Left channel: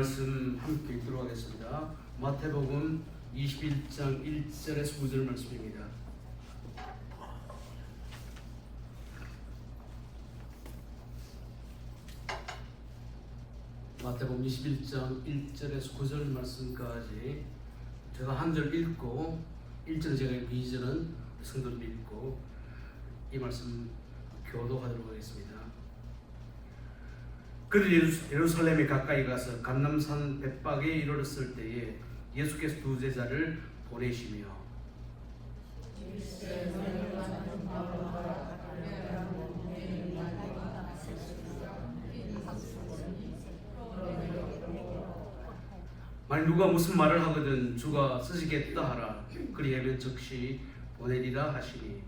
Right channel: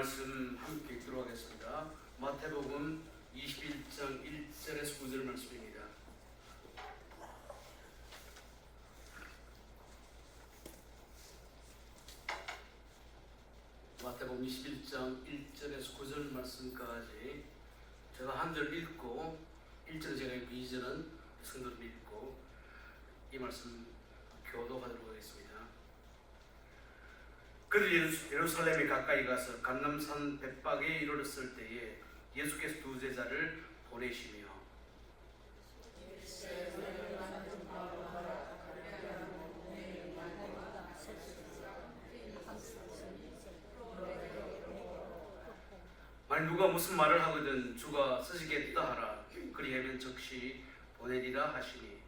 말씀 함께 읽도록 하겠습니다. 마태복음 21장 1절에서 9절 말씀입니다. 마태복음 21장 1절에서 9절 말씀까지 제가 한 절 읽고 1절 제가 읽고 2절은 성도님 읽고 이 말씀 교독하도록 하겠습니다. 그들이 예루살렘에 가까이 가서 감람산 벳박에 이르렀을 때에 예수께서 두 제자를 보내시며 만일 누가 무슨 말을 하거든 주가 쓰시겠다 하라. 그리하면 즉시 보내리라 하시니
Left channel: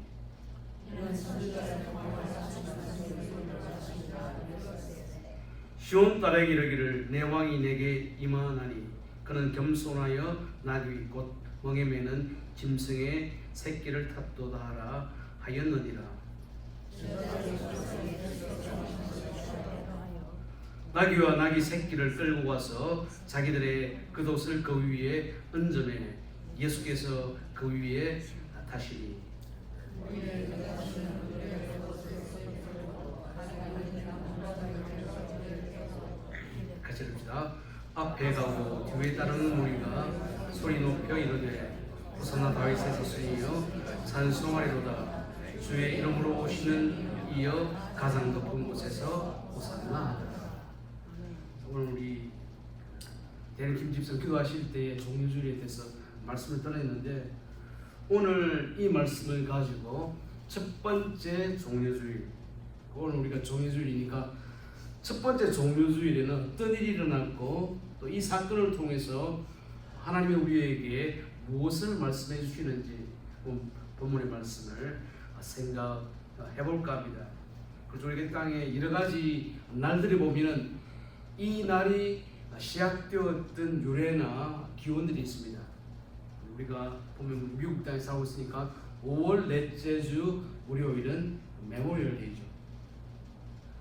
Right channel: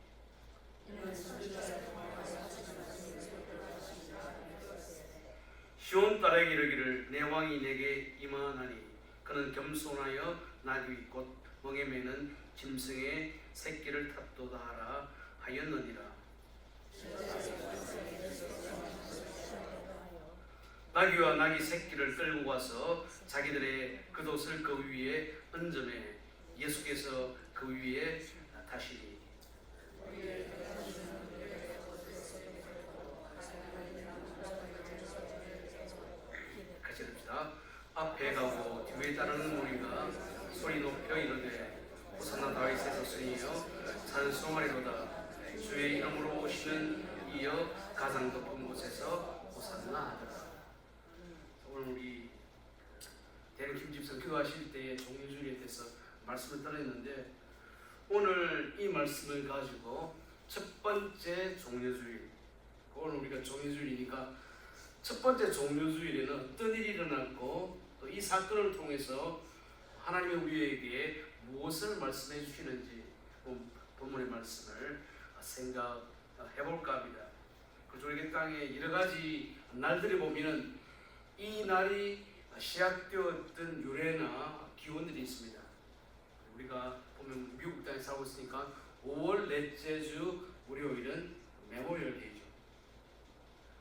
시온 딸에게 이르기를 내 왕이 내게 임하나니 그는 겸손하여 나귀 곧 멍에 매는 짐승의 새끼를 탑도다 하라 하였느니라. 나귀와 나귀 새끼를 끌고 가서 자기들의 겉옷을 그 위에 얹으매 예수께서 그 위에 타시니 같이 듭시다. 앞에 가고 뒤에 따르는 무리가 소리 높여 이르되 호산나 다윗의 자손이여 찬송하리로다. 주의 이름으로 오시는 이여 가장 높은 곳에서 호산나 하더라. 오늘 우리 대는 김집사 기도하실 때에 종료주일에 대해서 말씀을 드렸는데 오늘 이 말씀을 가지고 첫 번째 종료주일, 오늘 우리가 종료주일이니까 첫 번째 종료주일에는 어떤 일이 일어났고 또 이 사건을 통해서 하나님이 우리에게 무엇을 말씀해 주시는지 본문의 말씀을 생각해 볼까 합니다. 그래서 우리 땅에 여러 가지 날들이 보면은 이 날이 시작되었던 유래나 기원들이 있습니다. 우리가 보면 미국 땅에 살고 있으니까 5월 넷째 주 월요일은 메모리얼 데이죠.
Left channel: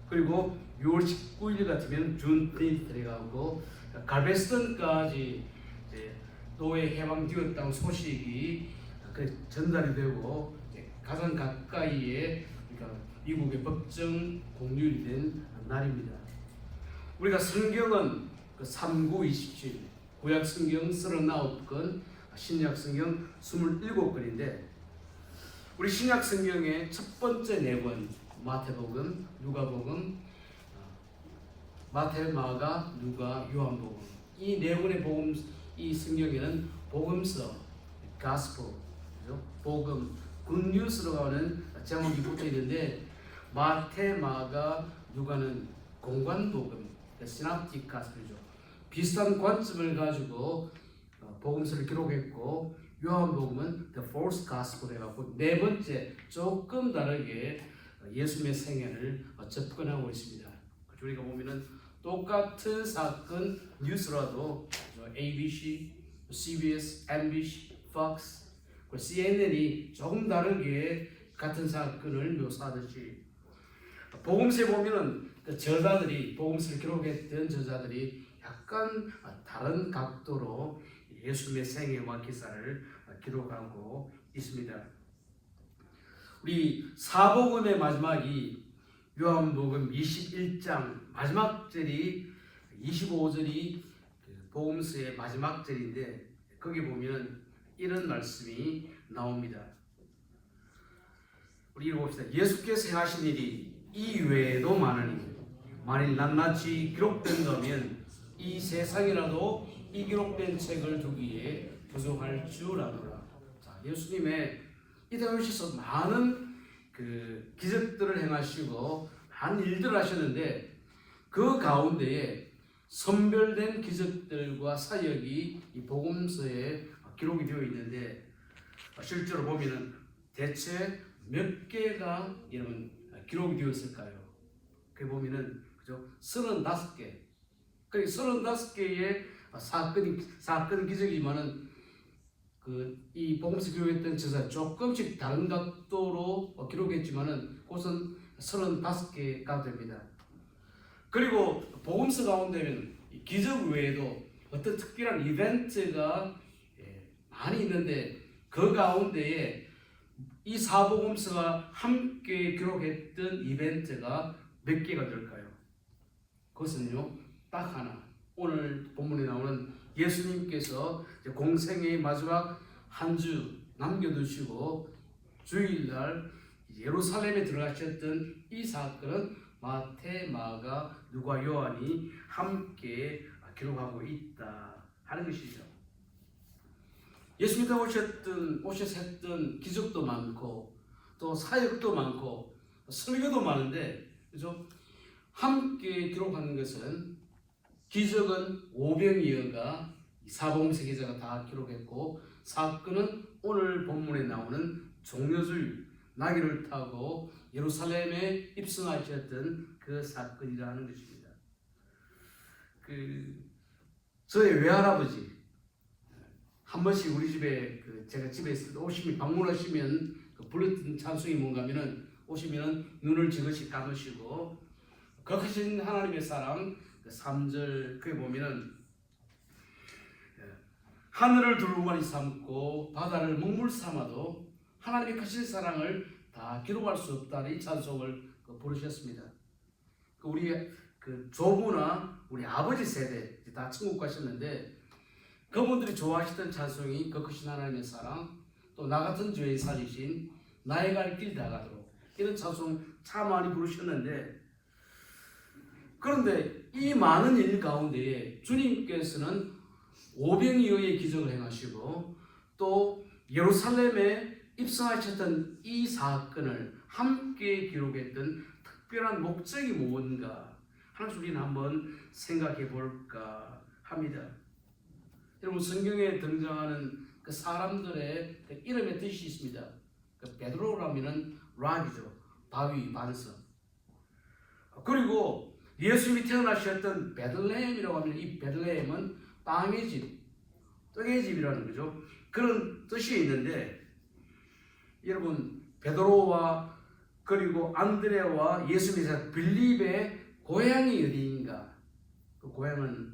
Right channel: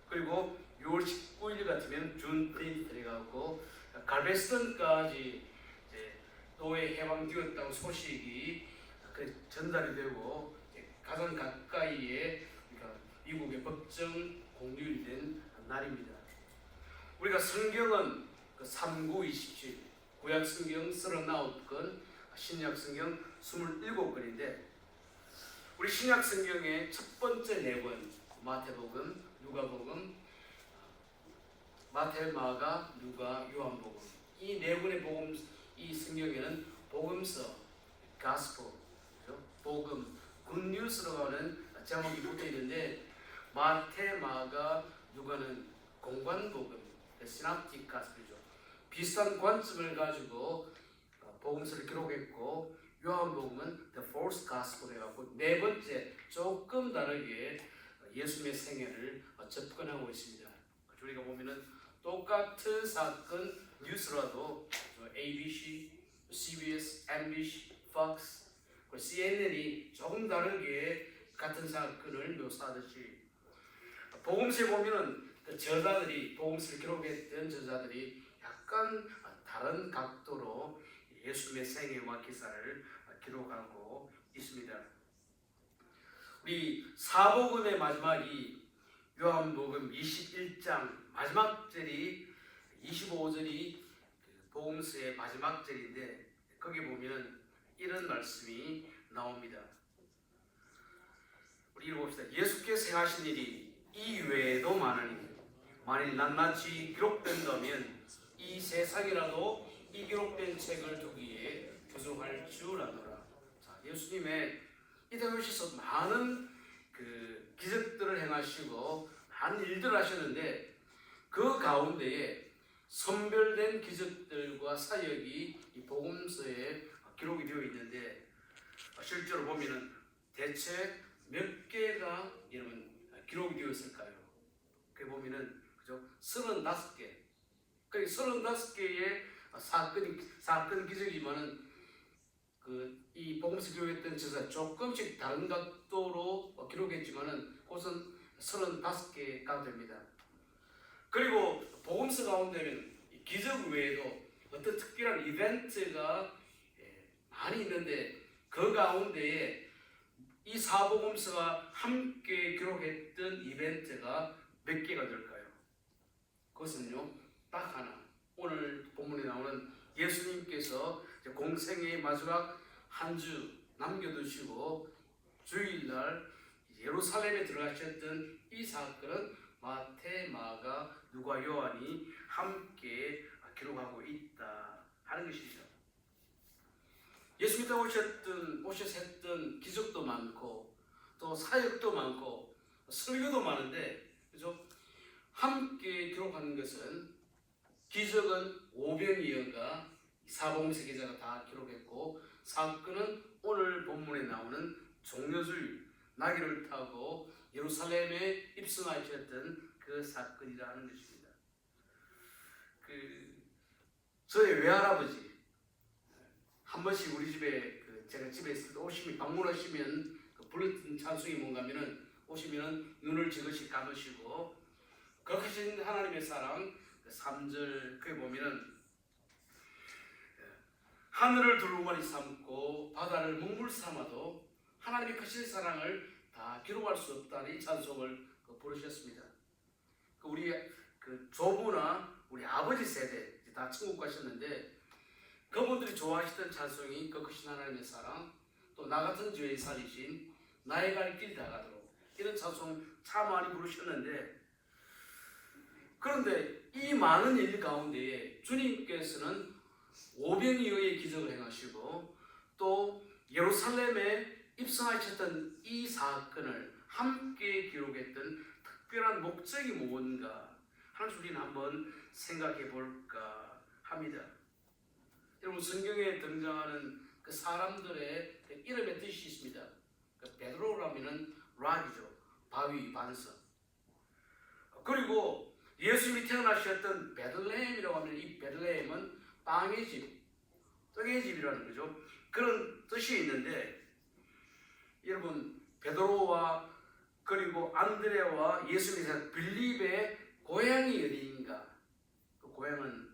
그리고 6월 19일 같으면 준테이트가 하고 갈베스턴까지 노예 해방되었다는 소식이 전달이 되고 가장 가까이에 그러니까 미국의 법정 공휴일이 된 날입니다. 우리가 성경은 3927 구약 성경 39권 신약 성경 27권인데 우리 신약 성경의 첫 번째 네 권 마태복음, 누가복음, 마태, 마가, 누가, 요한복음 이 네 권의 복음 이 성경에는 복음서, 가스포, 복음, 굿뉴스로 하는 제목이 붙어 있는데 마태, 마가, 누가는 공관복음, 시납틱 가스포죠. 비슷한 관점을 가지고 복음서를 기록했고 요한복음은 the fourth gospel 해갖고 네 번째 조금 다르게 예수님의 생애를 접근하고 있습니다. 우리가 보면은 똑같은 사건 뉴스라도 ABC, CBS, MBC, Fox, CNN이 조금 다르게 같은 사건을 묘사하듯이 복음서에 보면은 저자들이 복음서를 기록했던 저자들이 약간 다른 각도로 예수님의 생애와 기사를 기록하고 있습니다. 우리 사복음의 마지막이 요한복음 21장 마지막 절이 25절이 복음서의 마지막 절인데 거기 보면 이런 말씀이 나옵니다. 우리 읽어봅시다. 예수께서 하신 일이 이 외에도 많으니 만일 낱낱이 기록된다면 이 세상이라도 이 기록된 책을 두기에 부족할 줄 아노라. 자, 예수님의 이 땅에 오셔서 많은 기적들을 행하시고 많은 일들을 하셨는데 그 가운데에 선별된 기적들과 사역이 이 복음서에 기록이 되어 있는데 실제로 보면은 대체 몇 개가 여러분 기록이 되어 있을까요? 그 보면은 그죠? 35개. 그 35개의 사건 기적이면은 이 복음서 기록했던 저자 조금씩 다른 각도로 기록했지만은 그것은 35개가 됩니다. 그리고 복음서 가운데는 이 기적 외에도 어떤 특별한 이벤트가 많이 있는데 그 가운데에 이 사복음서가 함께 기록했던 이벤트가 몇 개가 될까요? 그것은요, 딱 하나. 오늘 본문에 나오는 예수님께서 공생의 마지막 한 주 남겨두시고 주일날 예루살렘에 들어가셨던 이 사건은 마태, 마가, 누가, 요한이 함께 기록하고 있다 하는 것이죠. 예수님이 오셔서 했던 기적도 많고 또 사역도 많고 설교도 많은데, 그죠? 함께 기록하는 것은 기적은 오병이어가 사복음서 기자가 다 기록했고, 사건은 오늘 본문에 나오는 종려주일 나귀를 타고 예루살렘에 입성하셨던 그 사건이라는 것입니다. 저희 외할아버지 한 번씩 우리 집에 제가 집에 있을 때 오시면 방문하시면 불렀던 찬송이 뭔가 하면은 오시면 눈을 지그시 감으시고 거하신 하나님의 사랑 3절 그에 보면은 하늘을 두루마리 삼고 바다를 먹물 삼아도 하나님의 크신 사랑을 다 기록할 수 없다는 이 찬송을 부르셨습니다. 우리 조부나 우리 아버지 세대 다 천국 가셨는데 그분들이 좋아하시던 찬송이 그 크신 하나님의 사랑, 또 나 같은 죄에 살리신 나의 갈 길 다 가도록, 이런 찬송 참 많이 부르셨는데, 그런데 이 많은 일 가운데에 주님께서는 오병이어의 기적을 행하시고 또 예루살렘에 입성하셨던 이 사건을 함께 기록했던 특별한 목적이 뭔가 하는 우리는 한번 생각해 볼까 합니다. 여러분, 성경에 등장하는 그 사람들의 그 이름의 뜻이 있습니다. 베드로라면은 락이죠, 바위, 반석. 그리고 예수님이 태어나셨던 베들레헴이라고 하면 이 베들레헴은 빵의 집, 떡의 집이라는 거죠. 그런 뜻이 있는데, 여러분, 베드로와 그리고 안드레와 예수님의 빌립의 고향이 어디인가? 그 고향은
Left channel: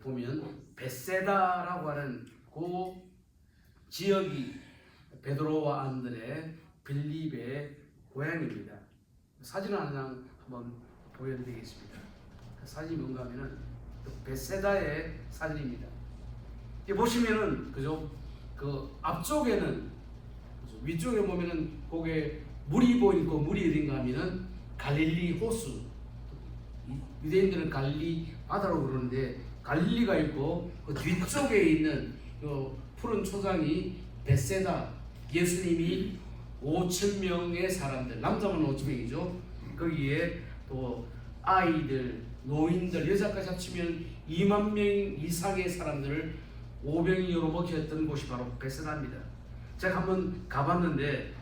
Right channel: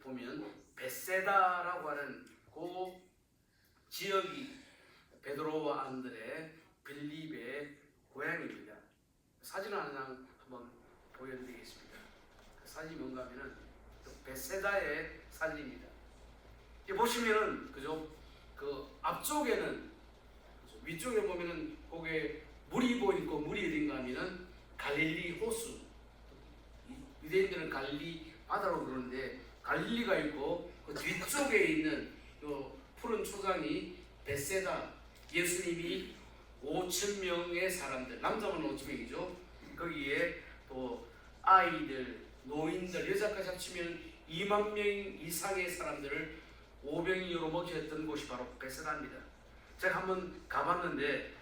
보면 벳세다라고 하는 그 지역이 베드로와 안드레, 빌립의 고향입니다. 사진을 하나 한번 보여드리겠습니다. 그 사진이 뭔가 하면은 벳세다의 사진입니다. 보시면은, 그죠? 그 앞쪽에는, 그죠? 위쪽에 보면은 거기에 물이 보이고, 물이 어딘가 하면은 갈릴리 호수. 유대인들은 갈릴리 바다로 부르는데 갈릴리가 있고, 그 뒤쪽에 있는 그 푸른 초장이 벳세다. 예수님이 5,000명의 사람들, 남자만 5,000명이죠. 거기에 또 아이들, 노인들, 여자까지 합치면 2만 명 이상의 사람들을 오병이어로 먹였던 곳이 바로 벳세다입니다. 제가 한번 가봤는데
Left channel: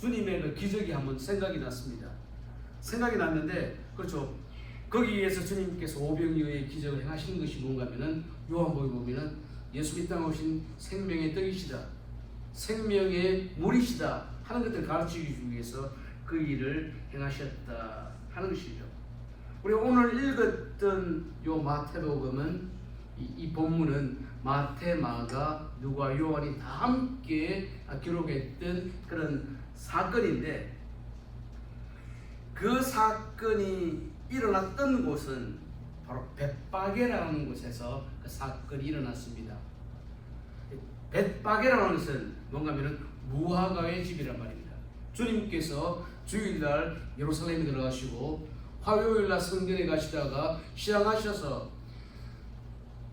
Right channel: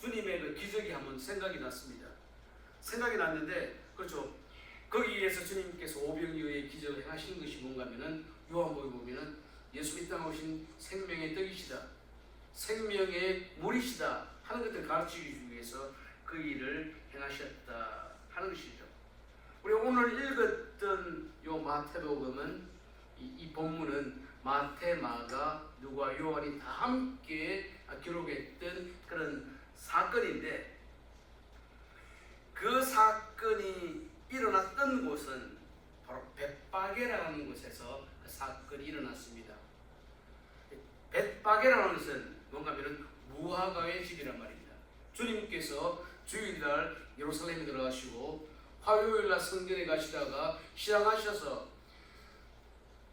주님의 그 기적이 한번 생각이 났습니다. 생각이 났는데, 그렇죠, 거기에서 주님께서 오병이어의 기적을 행하신 것이 뭔가 하면은 요한복음에 보면은 예수님 땅에 오신 생명의 떡이시다, 생명의 물이시다 하는 것들을 가르치기 위해서 그 일을 행하셨다 하는 것이죠. 우리 오늘 읽었던 요 마태복음은 이 본문은 마태, 마가, 누가, 요한이 다 함께 기록했던 그런 사건인데, 그 사건이 일어났던 곳은 바로 벳바게라는 곳에서 그 사건이 일어났습니다. 벳바게라는 것은 뭔가 하면 무화과의 집이란 말입니다. 주님께서 주일날 예루살렘에 들어가시고 화요일날 성전에 가시다가 시장하셔서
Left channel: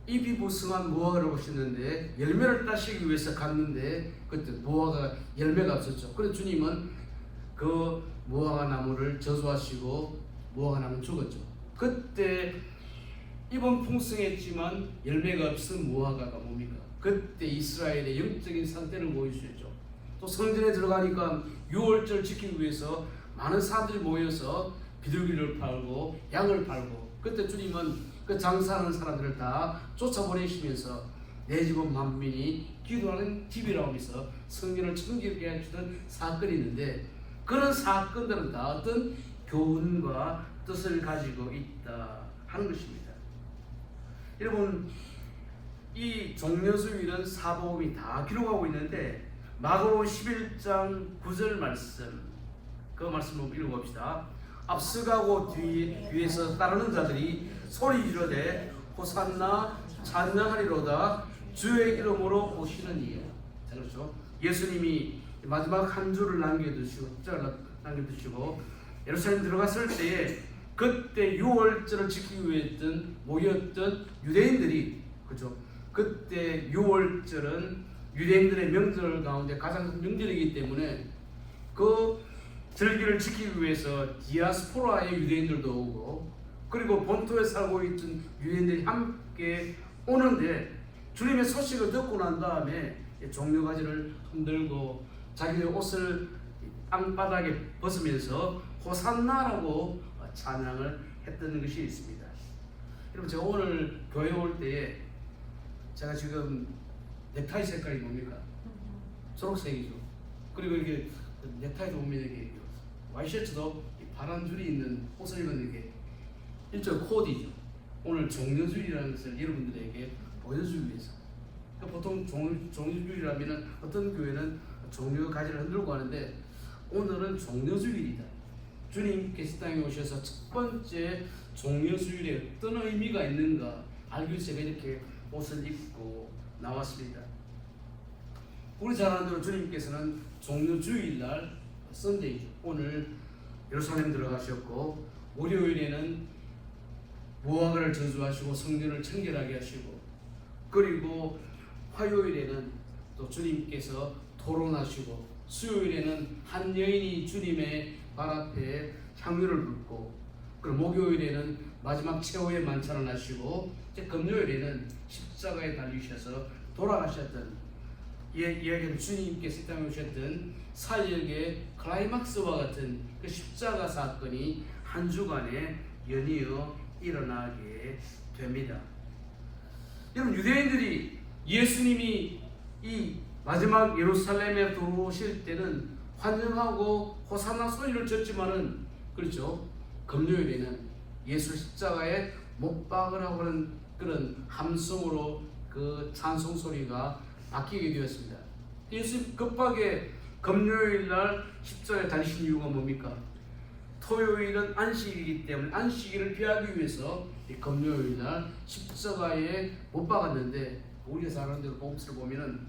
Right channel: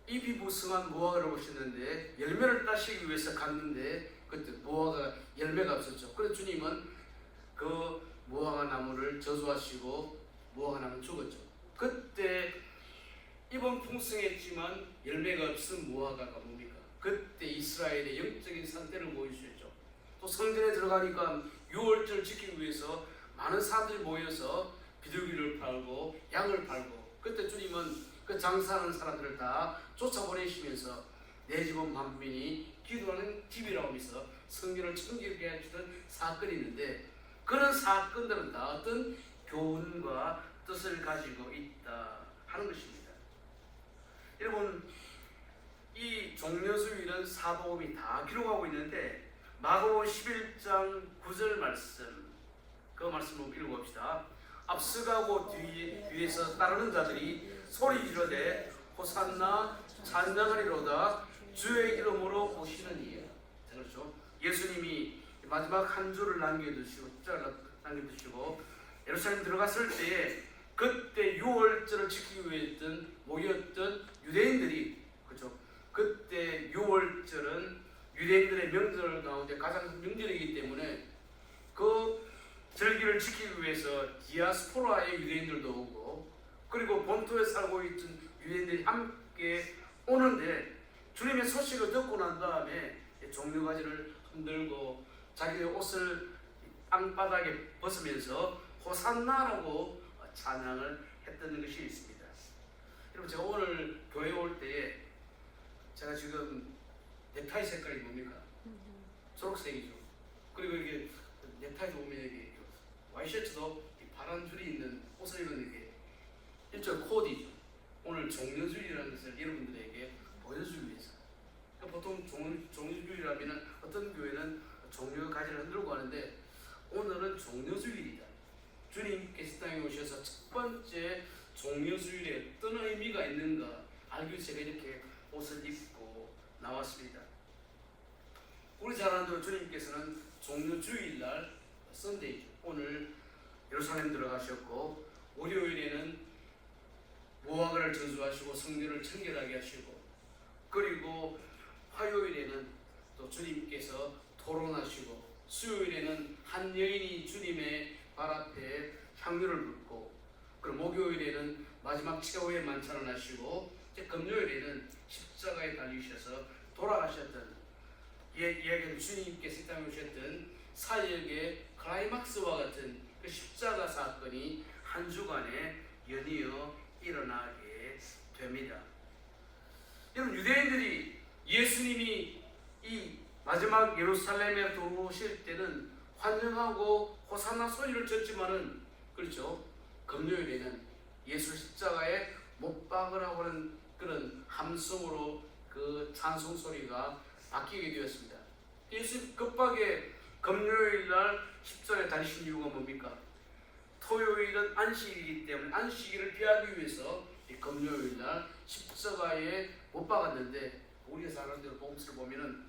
잎이 부성한 무화과를 보셨는데 열매를 따시기 위해서 갔는데 그때 무화과 열매가 없었죠. 그래서 주님은 그 무화과 나무를 저주하시고 무화과 나무는 죽었죠. 그때 잎은 풍성했지만 열매가 없은 무화과가 뭡니까? 그때 이스라엘의 영적인 상태를 보여주셨죠. 또 성전에 들어가니까 유월절 지키기 위해서 많은 사람들이 모여서 비둘기를 팔고 양을 팔고, 그때 주님은 그 장사하는 사람들을 다 쫓아보내시면서 내 집은 만민이 기도하는 집이라고 하면서 성전을 청결하게 해주던 사건이 있는데, 그런 사건들은 다 어떤 교훈과 뜻을 가지고 있다 하는 것입니다. 여러분, 이 종려주일은 사복음이 다 기록하고 있는데 마가복음 11장 9절 말씀, 그 말씀 한번 읽어봅시다. 앞서가고 뒤에서 따르는 자들이 소리 지르되 호산나 찬양하리로다 주의 이름으로 오시는 이에. 자, 그렇죠. 예수님이 마지막 한 줄을 남겨두시고 예루살렘 들어갔을 때에 그때 유월절을 지키기 위해 모였던 유대인들이, 그렇죠. 그때 유월절은 유대인들의 명절 가운데 가장 큰 명절이기 때문에 그 절기를 지키기 위해서 디아스포라의 유대인들도 오고, 그리고 본토에 살고 있던 유대인들이 함께 오는데, 주님의 소식을 듣고 난 다음에 종려가지를 흔들고 자기의 옷을 땅바닥에 벗으면서 호산나라고 찬양을 했던 것이 있습니다. 여러분, 제가 오늘 교회 올 때에 제가 지금 넥타이 색깔이 뭡니까? 초록색이죠. 그리고 이게 넥타이도 보면 이렇게 와이셔츠도 파란 줄이 있는 옷을 입은 게 일종 코디죠. 오늘 종려주일이라는 것을 여러분들에게 보여주기 위해서. 보통 종려주일이라면 어떤 교회는 종려 가지를 흔들고 하는데, 오늘은 종려주일이다. 주님께서 땅에 오셔서 첫 번째 종려주일에 어떤 의미가 있는가 알기 위해서 제가 이렇게 옷을 입고 나왔습니다. 우리 잘 아는 대로 주님께서는 종려주일날 썬데이죠. 오늘 예루살렘 들어가셨고, 월요일에는 무화과를 저주하시고 성전을 청결하게 하시고, 그리고 화요일에는 또 주님께서 토론하시고, 수요일에는 한 여인이 주님의 발 앞에 향유를 붓고, 그리고 목요일에는 마지막 최후의 만찬을 하시고, 이제 금요일에는 십자가에 달리셔서 돌아가셨던, 이야기는 주님께서 땅에 오셨던 사역의 클라이막스와 같은 그 십자가 사건이 한 주간에 연이어 일어나게 됩니다. 여러분, 유대인들이 예수님이 이 마지막 예루살렘에 들어오실 때는 환영하고 호산나 소리를 쳤지만은, 그렇죠, 금요일에는 예수 십자가에 못 박으라고 하는 그런 함성으로 그 찬송 소리가 바뀌게 되었습니다. 예수님 급하게 금요일날 십자가에 달리신 이유가 뭡니까? 토요일은 안식일이기 때문에 안식일을 피하기 위해서 금요일날 십자가에 못 박았는데, 우리가 사는 대로 복음서를 보면은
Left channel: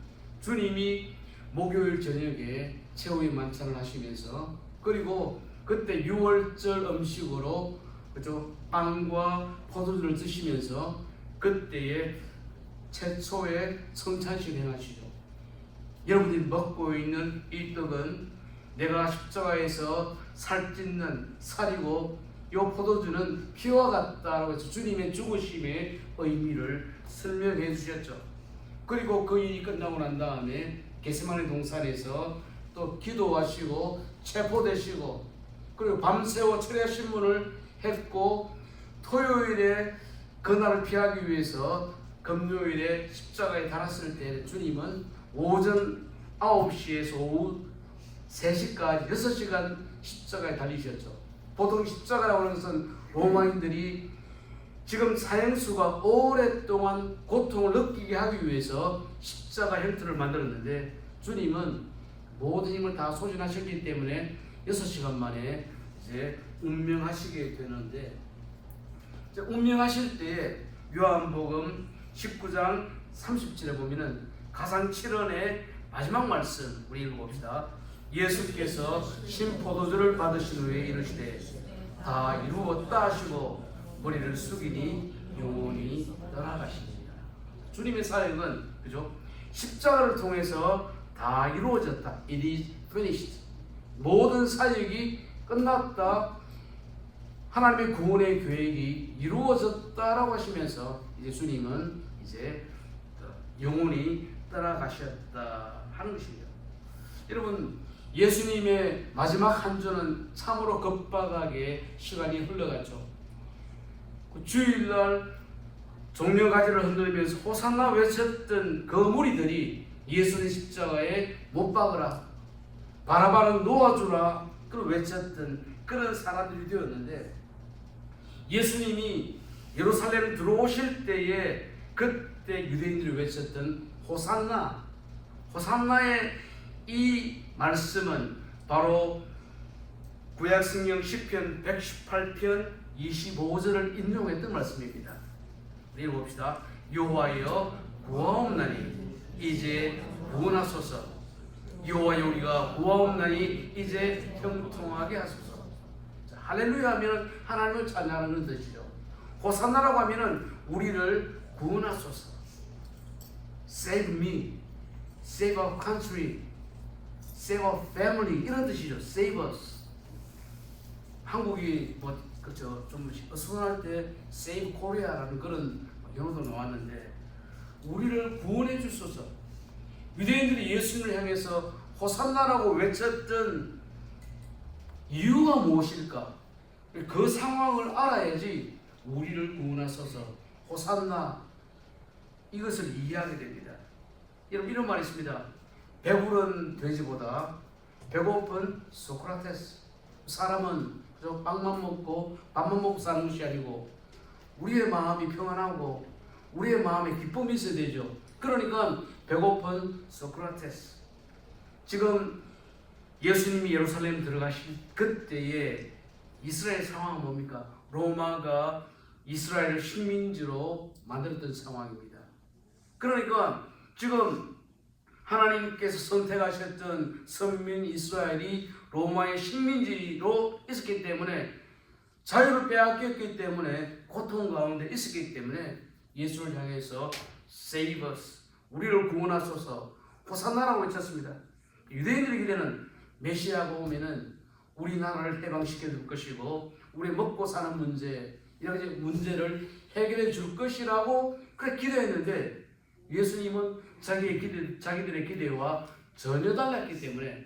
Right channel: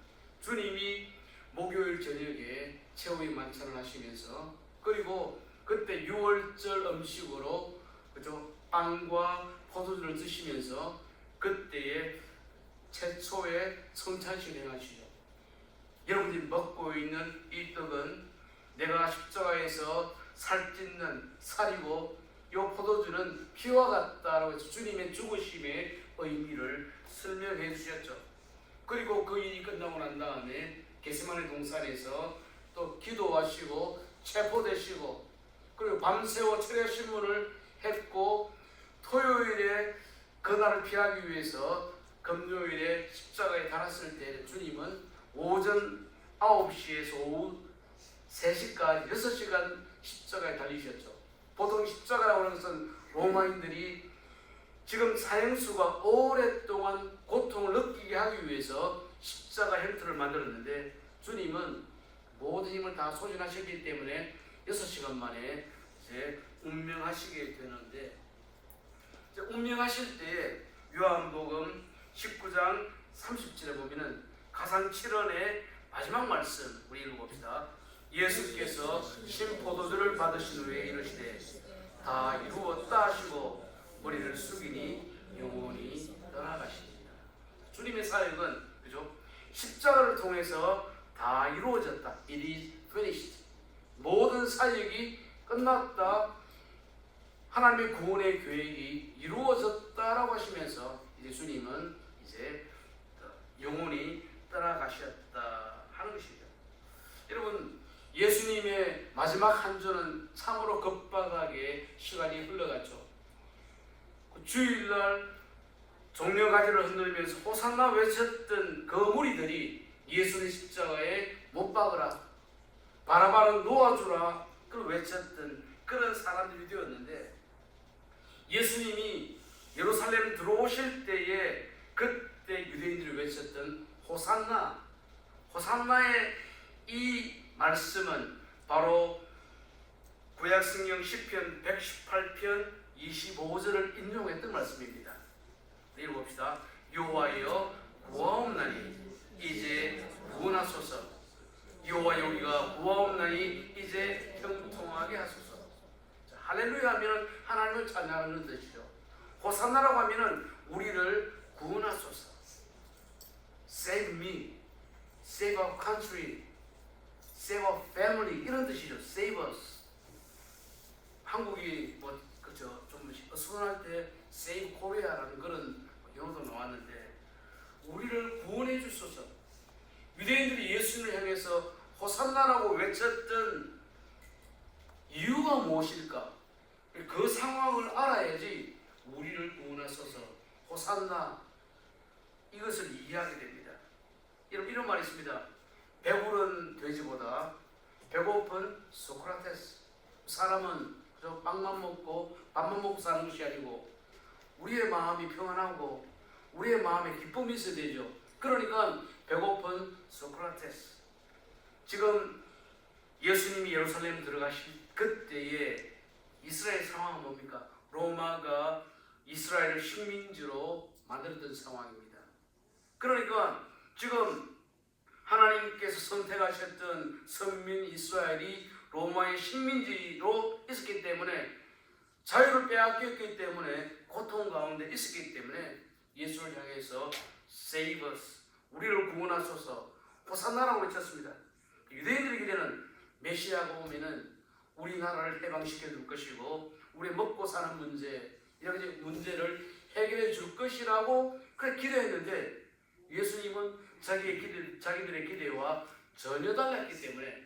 주님이 목요일 저녁에 최후의 만찬을 하시면서, 그리고 그때 유월절 음식으로, 그죠, 빵과 포도주를 드시면서 그때에 최초의 성찬식 행하시죠. 여러분들이 먹고 있는 이 떡은 내가 십자가에서 살찢는 살이고, 이 포도주는 피와 같다라고 해서 주님의 죽으심의 의미를 설명해 주셨죠. 그리고 그 일이 끝나고 난 다음에 겟세마네 동산에서 또 기도하시고 체포되시고, 그리고 밤새워 철야 신문을 했고, 토요일에 그날을 피하기 위해서 금요일에 십자가에 달았을 때 주님은 오전 9시에서 오후 3시까지 6시간 십자가에 달리셨죠. 보통 십자가라고 하는 것은 로마인들이 지금 사형수가 오랫동안 고통을 느끼게 하기 위해서 십자가 형태를 만들었는데, 주님은 모든 힘을 다 소진하셨기 때문에 6시간 만에 이제 운명하시게 되는데, 이제 운명하실 때에 요한복음 19장 30절에 보면은 가상 7원의 마지막 말씀 우리 읽어봅시다. 예수께서 신포도주를 받으신 후에 이르시되 다 이루었다 하시고 머리를 숙이니 영원히 떠나가시니라. 주님의 사역은, 그죠, 십자가를 통해서 다 이루어졌다. It is finished. 모든 사역이 끝났다. 하나님의 구원의 계획이 이루어졌다라고 하시면서 이제 주님은 이제 영원히 떠나가셨다 하는 것입니다. 여러분, 예수님의 마지막 한 주는 참으로 급박하게 시간이 흘러갔죠. 그 주일날 종려가지를 흔들면서 호산나 외쳤던 그 무리들이 예수님 십자가에 못 박으라, 바라바는 놓아주라, 그걸 외쳤던 그런 사람들이 되었는데, 예수님이 예루살렘 들어오실 때에 그때 유대인들이 외쳤던 호산나, 호산나의 이 말씀은 바로 구약성경 시편 118편 25절을 인용했던 말씀입니다. 읽어봅시다. 여호와여 구하옵나니 이제 구원하소서. 여호와여 우리가 구하옵나니 이제 형통하게 하소서. 자, 할렐루야 하면 하나님을 찬양하는 뜻이죠. 호산나라고 하면 우리를 구원하소서. Save me, save our country, save our family 이런 뜻이죠. Save us. 한국이 뭐 그죠 좀 어수선할 때 Save Korea라는 그런 영어도 나왔는데 우리를 구원해 주소서. 유대인들이 예수님을 향해서 호산나라고 외쳤던 이유가 무엇일까? 그 상황을 알아야지 우리를 구원하소서 호산나 이것을 이해하게 됩니다. 여러분 이런 말이 있습니다. 배부른 돼지보다 배고픈 소크라테스. 사람은 빵만 먹고 밥만 먹고 사는 것이 아니고 우리의 마음이 평안하고 우리의 마음에 기쁨이 있어야 되죠. 그러니까 배고픈 소크라테스. 지금 예수님이 예루살렘 들어가실 그때에 이스라엘 상황은 뭡니까? 로마가 이스라엘을 식민지로 만들었던 상황입니다. 그러니까 지금 하나님께서 선택하셨던 선민 이스라엘이 로마의 식민지로 있었기 때문에 자유를 빼앗겼기 때문에 고통 가운데 있었기 때문에 예수를 향해서 Save us, 우리를 구원하소서 호산나라고 외쳤습니다. 유대인들의 기대는 메시아가 오면은 우리나라를 해방시켜 줄 것이고 우리 먹고 사는 문제 이런 문제를 해결해 줄 것이라고 그렇게 기대했는데 예수님은 자기들의 기대와 전혀 달랐기 때문에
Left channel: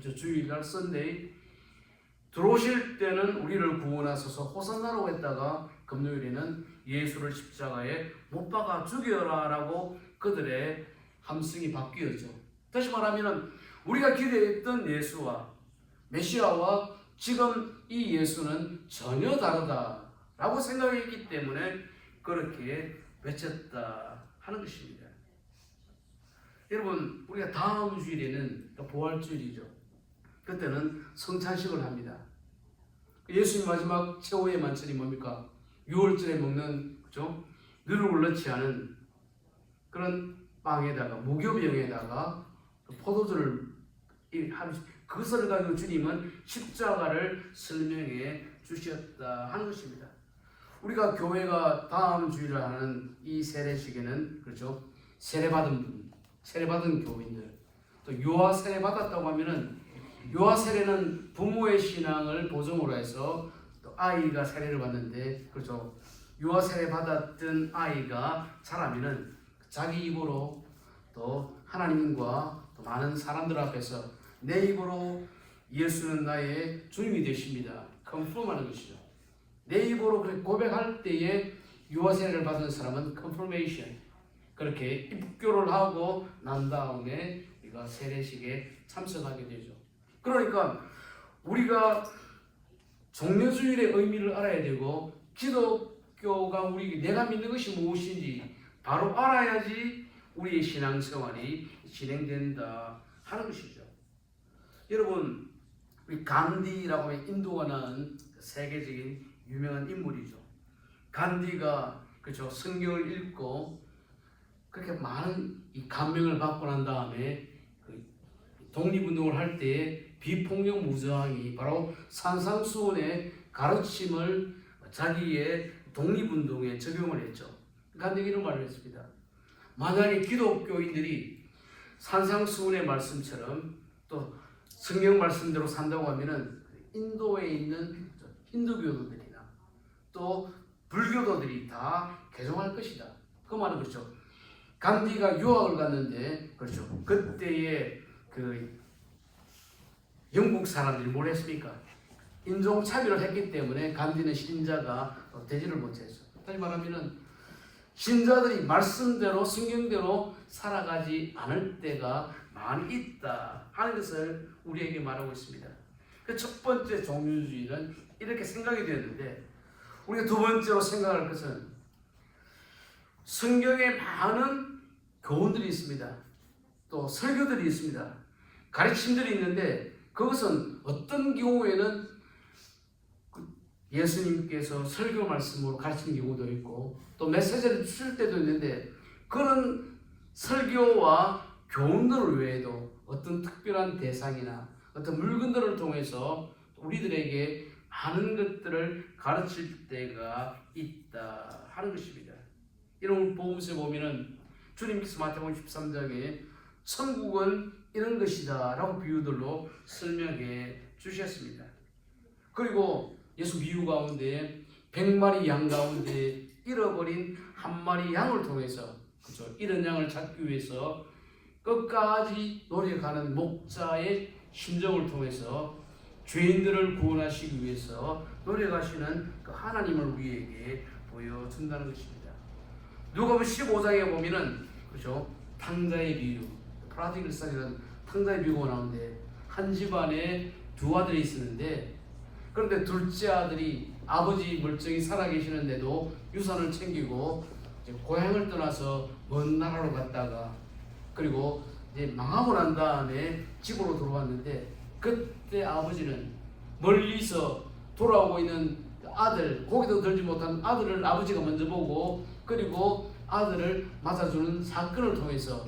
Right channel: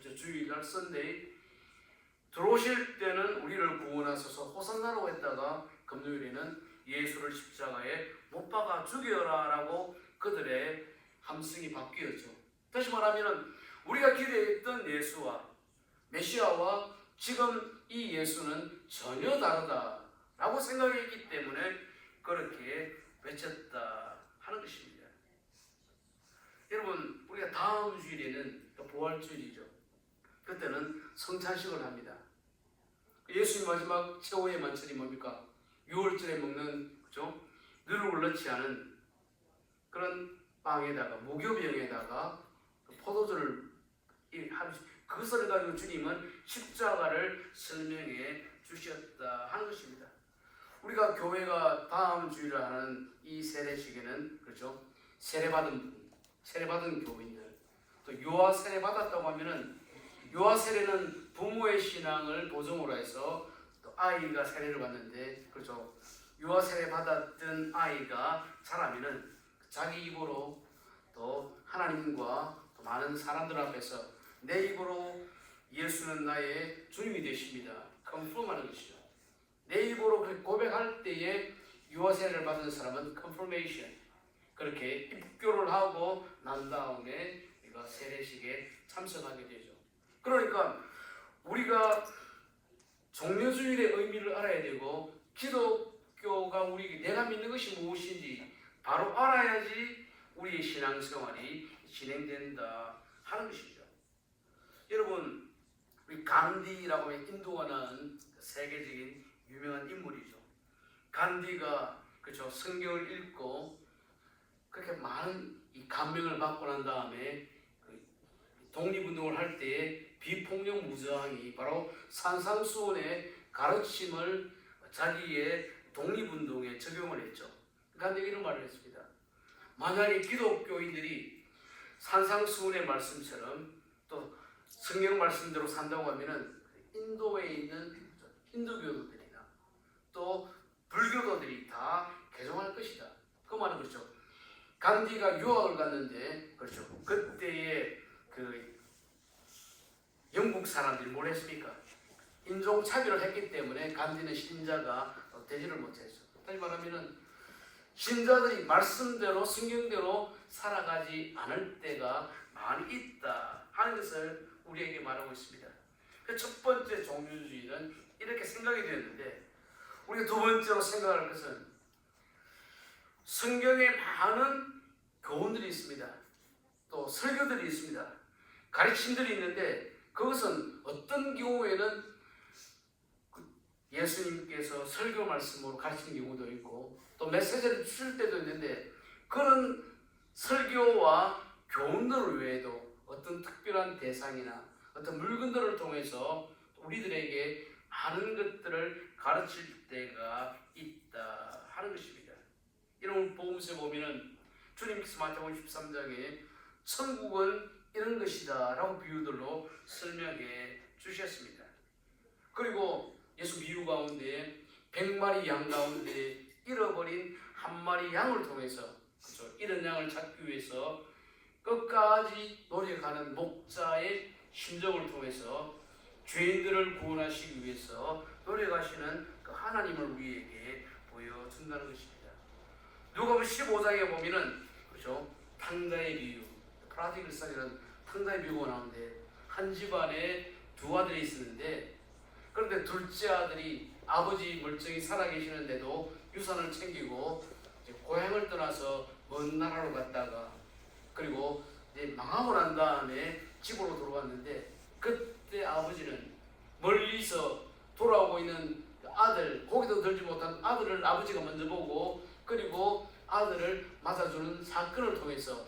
주일날 썬데이 들어오실 때는 우리를 구원하소서 호산나라고 했다가 금요일에는 예수를 십자가에 못 박아 죽여라 라고 그들의 함성이 바뀌었죠. 다시 말하면 우리가 기대했던 예수와 메시아와 지금 이 예수는 전혀 다르다라고 생각했기 때문에 그렇게 외쳤다 하는 것입니다. 여러분 우리가 다음 주일에는 부활주일이죠. 그때는 성찬식을 합니다. 예수님 마지막 최후의 만찬이 뭡니까? 6월절에 먹는 그죠? 누룩을 넣지 않은 그런 빵에다가 무교병에다가 포도주를 그것을 가지고 주님은 십자가를 설명해 주셨다 하는 것입니다. 우리가 교회가 다음 주일에 하는 이 세례식에는 그렇죠? 세례받은 교인들 또 유아 세례 받았다고 하면은 유아 세례는 부모의 신앙을 보증으로 해서 또 아이가 세례를 받는데 그렇죠? 유아 세례 받았던 아이가 자라면은 자기 입으로 또 하나님과 또 많은 사람들 앞에서 내 입으로 예수는 나의 주님이 되십니다. 컨펌하는 것이죠. 내 입으로 그렇게 고백할 때에 유아 세례를 받은 사람은 confirmation 그렇게 입교를 하고 난 다음에 우리가 세례식에 참석하게 되죠. 그러니까 우리가 종려주일의 의미를 알아야 되고 기독교가 내가 믿는 것이 무엇인지 바로 알아야지 우리의 신앙생활이 진행된다 하는 것이죠. 여러분 우리 간디라고 하는 인도가 낳은 세계적인 유명한 인물이죠. 간디가 그렇죠 성경을 읽고 그렇게 많은 이 감명을 받고 난 다음에 독립운동을 할 때에 비폭력 무저항이 바로 산상수훈의 가르침을 자기의 독립운동에 적용을 했죠. 간디가 이런 말을 했습니다. 만약에 기독교인들이 산상수훈의 말씀처럼 또 성경 말씀대로 산다고 하면은 인도에 있는 힌두교도들이나 또 불교도들이 다 개종할 것이다. 그 말은 그렇죠. 간디가 유학을 갔는데 그렇죠. 그때의 영국 사람들이 뭘 했습니까? 인종 차별을 했기 때문에 간디는 신자가 되지를 못했죠. 다시 말하면은 신자들이 말씀대로 성경대로 살아가지 않을 때가 많이 있다 하는 것을 우리에게 말하고 있습니다. 그 첫 번째 종교주의는 이렇게 생각이 되었는데 우리가 두 번째로 생각할 것은 성경에 많은 교훈들이 있습니다. 또 설교들이 있습니다. 가르침들이 있는데 그것은 어떤 경우에는 예수님께서 설교 말씀으로 가르친 경우도 있고 또 메시지를 주실 때도 있는데 그런 설교와 교훈들 외에도 어떤 특별한 대상이나 어떤 물건들을 통해서 우리들에게 많은 것들을 가르칠 때가 있다 하는 것입니다. 이런 복음서에 보면은 주님께서 마태복음 13장에 천국은 이런 것이다 라고 비유들로 설명해 주셨습니다. 그리고 예수 비유 가운데 100마리 양 가운데 잃어버린 한 마리 양을 통해서 그렇죠? 이런 양을 찾기 위해서 끝까지 노력하는 목자의 심정을 통해서 죄인들을 구원하시기 위해서 노력하시는 그 하나님을 우리에게 보여준다는 것입니다. 누가복음 15장에 보면은 그렇죠? 탕자의 비유, 프라디글산이라는 탕자의 비유가 나오는데 한 집안에 두 아들이 있었는데 그런데 둘째 아들이 아버지 멀쩡히 살아계시는데도 유산을 챙기고 이제 고향을 떠나서 먼 나라로 갔다가 그리고 이제 망하고 난 다음에 집으로 돌아왔는데 그때 아버지는 멀리서 돌아오고 있는 아들, 고기도 들지 못한 아들을 아버지가 먼저 보고 그리고 아들을 맞아주는 사건을 통해서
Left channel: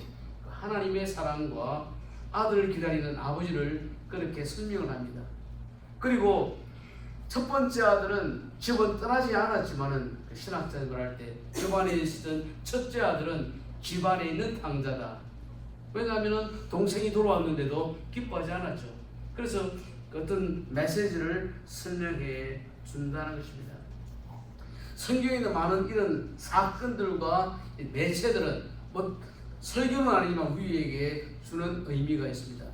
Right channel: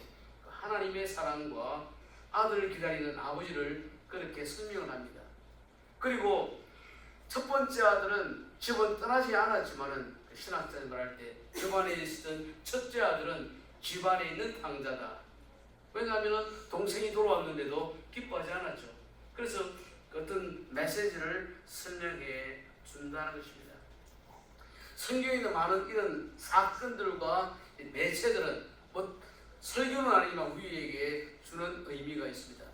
하나님의 사랑과 아들을 기다리는 아버지를 그렇게 설명을 합니다. 그리고 첫 번째 아들은 집은 떠나지 않았지만은 신학자들 할 때 집안에 있었던 첫째 아들은 집안에 있는 탕자다. 왜냐하면 동생이 돌아왔는데도 기뻐하지 않았죠. 그래서 어떤 메시지를 설명해 준다는 것입니다. 성경에 있는 많은 이런 사건들과 매체들은 뭐 설교는 아니지만 우리에게 주는 의미가 있습니다.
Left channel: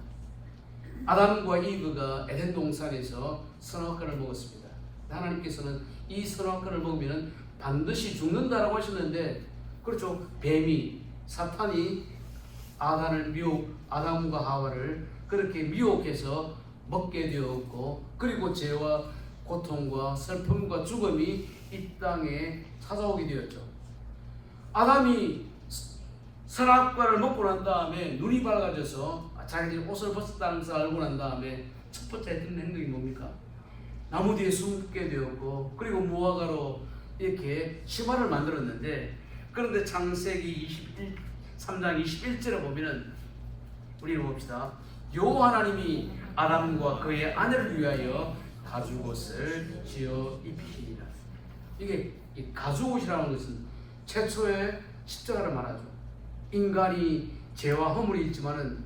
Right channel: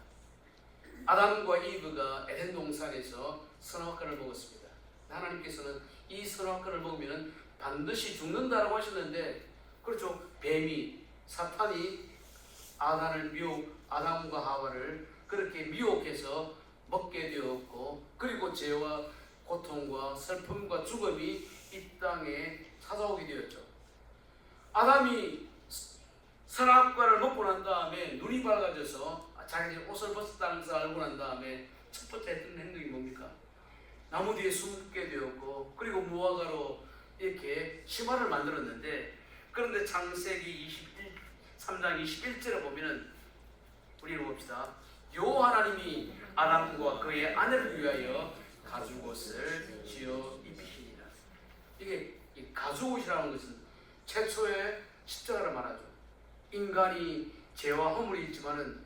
아담과 이브가 에덴 동산에서 선악과를 먹었습니다. 하나님께서는 이 선악과를 먹으면 반드시 죽는다라고 하셨는데 그렇죠. 뱀이 사탄이 아담과 하와를 그렇게 미혹해서 먹게 되었고 그리고 죄와 고통과 슬픔과 죽음이 이 땅에 찾아오게 되었죠. 아담이 선악과를 먹고 난 다음에 눈이 밝아져서 자기 옷을 벗었다는 것을 알고 난 다음에 첫 번째 했던 행동이 뭡니까? 나무 뒤에 숨게 되었고 그리고 무화과로 이렇게 심화를 만들었는데 그런데 창세기 3장 21절에 보면은 우리 봅시다. 여호와 하나님이 아담과 그의 아내를 위하여 가죽옷을 지어 입히시니라. 이게 이 가죽옷이라는 것은 최초의 십자가를 말하죠. 인간이 죄와 허물이 있지만은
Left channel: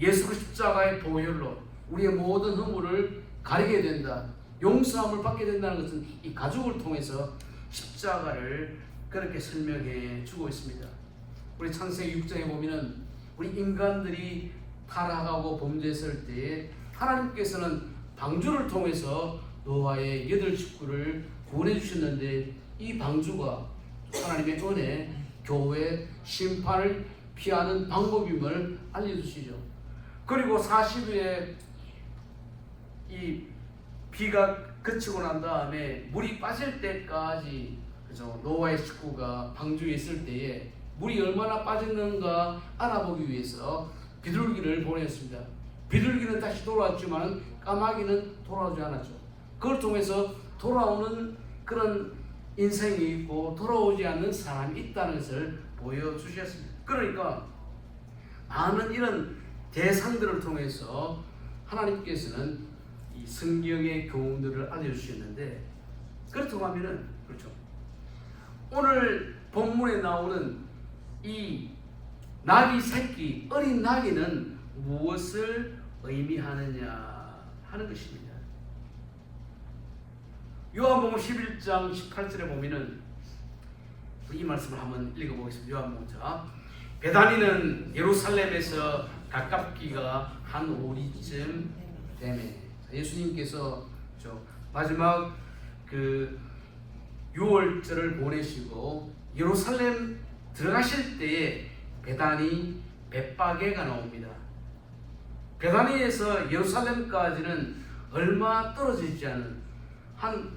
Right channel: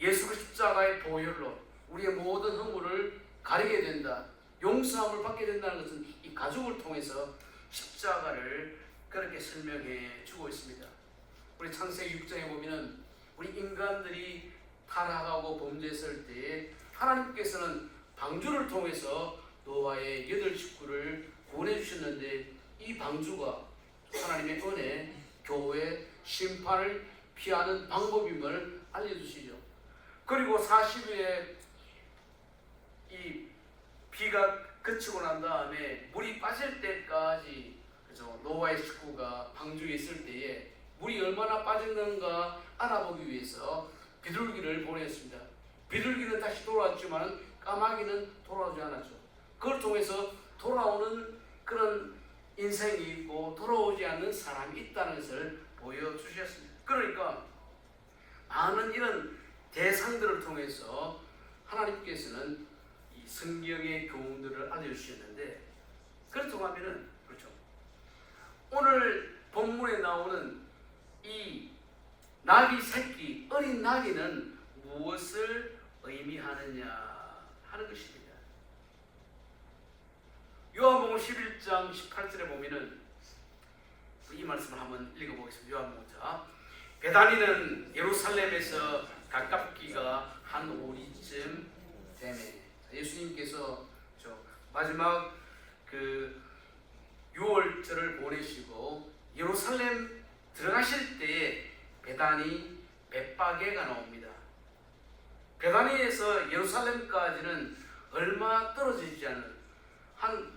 예수 십자가의 보혈로 우리의 모든 허물을 가리게 된다. 용서함을 받게 된다는 것은 이 가죽을 통해서 십자가를 그렇게 설명해 주고 있습니다. 우리 창세기 6장에 보면은 우리 인간들이 타락하고 범죄했을 때에 하나님께서는 방주를 통해서 노아의 8식구를 구원해 주셨는데 이 방주가 하나님의 은혜, 교회, 심판을 피하는 방법임을 알려주시죠. 그리고 40일에 이 비가 그치고 난 다음에 물이 빠질 때까지 그죠? 노아의 식구가 방주에 있을 때에 물이 얼마나 빠졌는가 알아보기 위해서 비둘기를 보냈습니다. 비둘기는 다시 돌아왔지만 까마귀는 돌아오지 않았죠. 그걸 통해서 돌아오는 그런 인생이 있고 돌아오지 않는 사람이 있다는 것을 보여주셨습니다. 그러니까 많은 이런 대상들을 통해서 하나님께서는 이 성경의 교훈들을 알려주셨는데 그렇다고 하면은 그렇죠. 오늘 본문에 나오는 이 나귀 새끼, 어린 나귀는 무엇을 의미하느냐 하는 것입니다. 요한복음 11장 18절에 보면은 이 말씀을 한번 읽어보겠습니다. 요한복음 자 베다니는 예루살렘에서 가깝기가 한 오리쯤 되네. 예수님께서 마지막 그 6월절을 보내시고 예루살렘 들어가실 때에 베다니 벳바게가 나옵니다. 베다니에서 예루살렘까지는 얼마 떨어져 있지 않은 한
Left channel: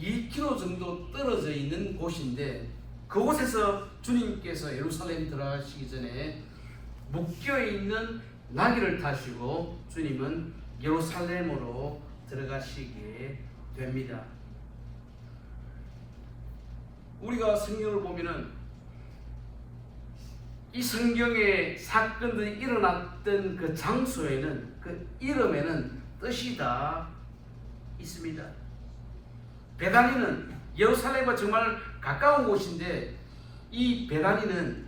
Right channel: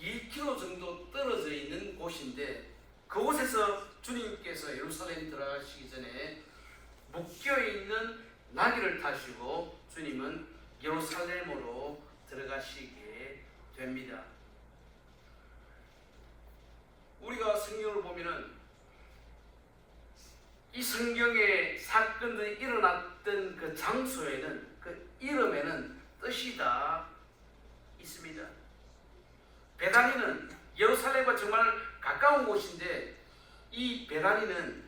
2km 정도 떨어져 있는 곳인데 그곳에서 주님께서 예루살렘 들어가시기 전에 묶여 있는 나귀를 타시고 주님은 예루살렘으로 들어가시게 됩니다. 우리가 성경을 보면은 이 성경의 사건들이 일어났던 그 장소에는, 그 이름에는 뜻이 다 있습니다. 베다니는 예루살렘과 정말 가까운 곳인데 이 베다니는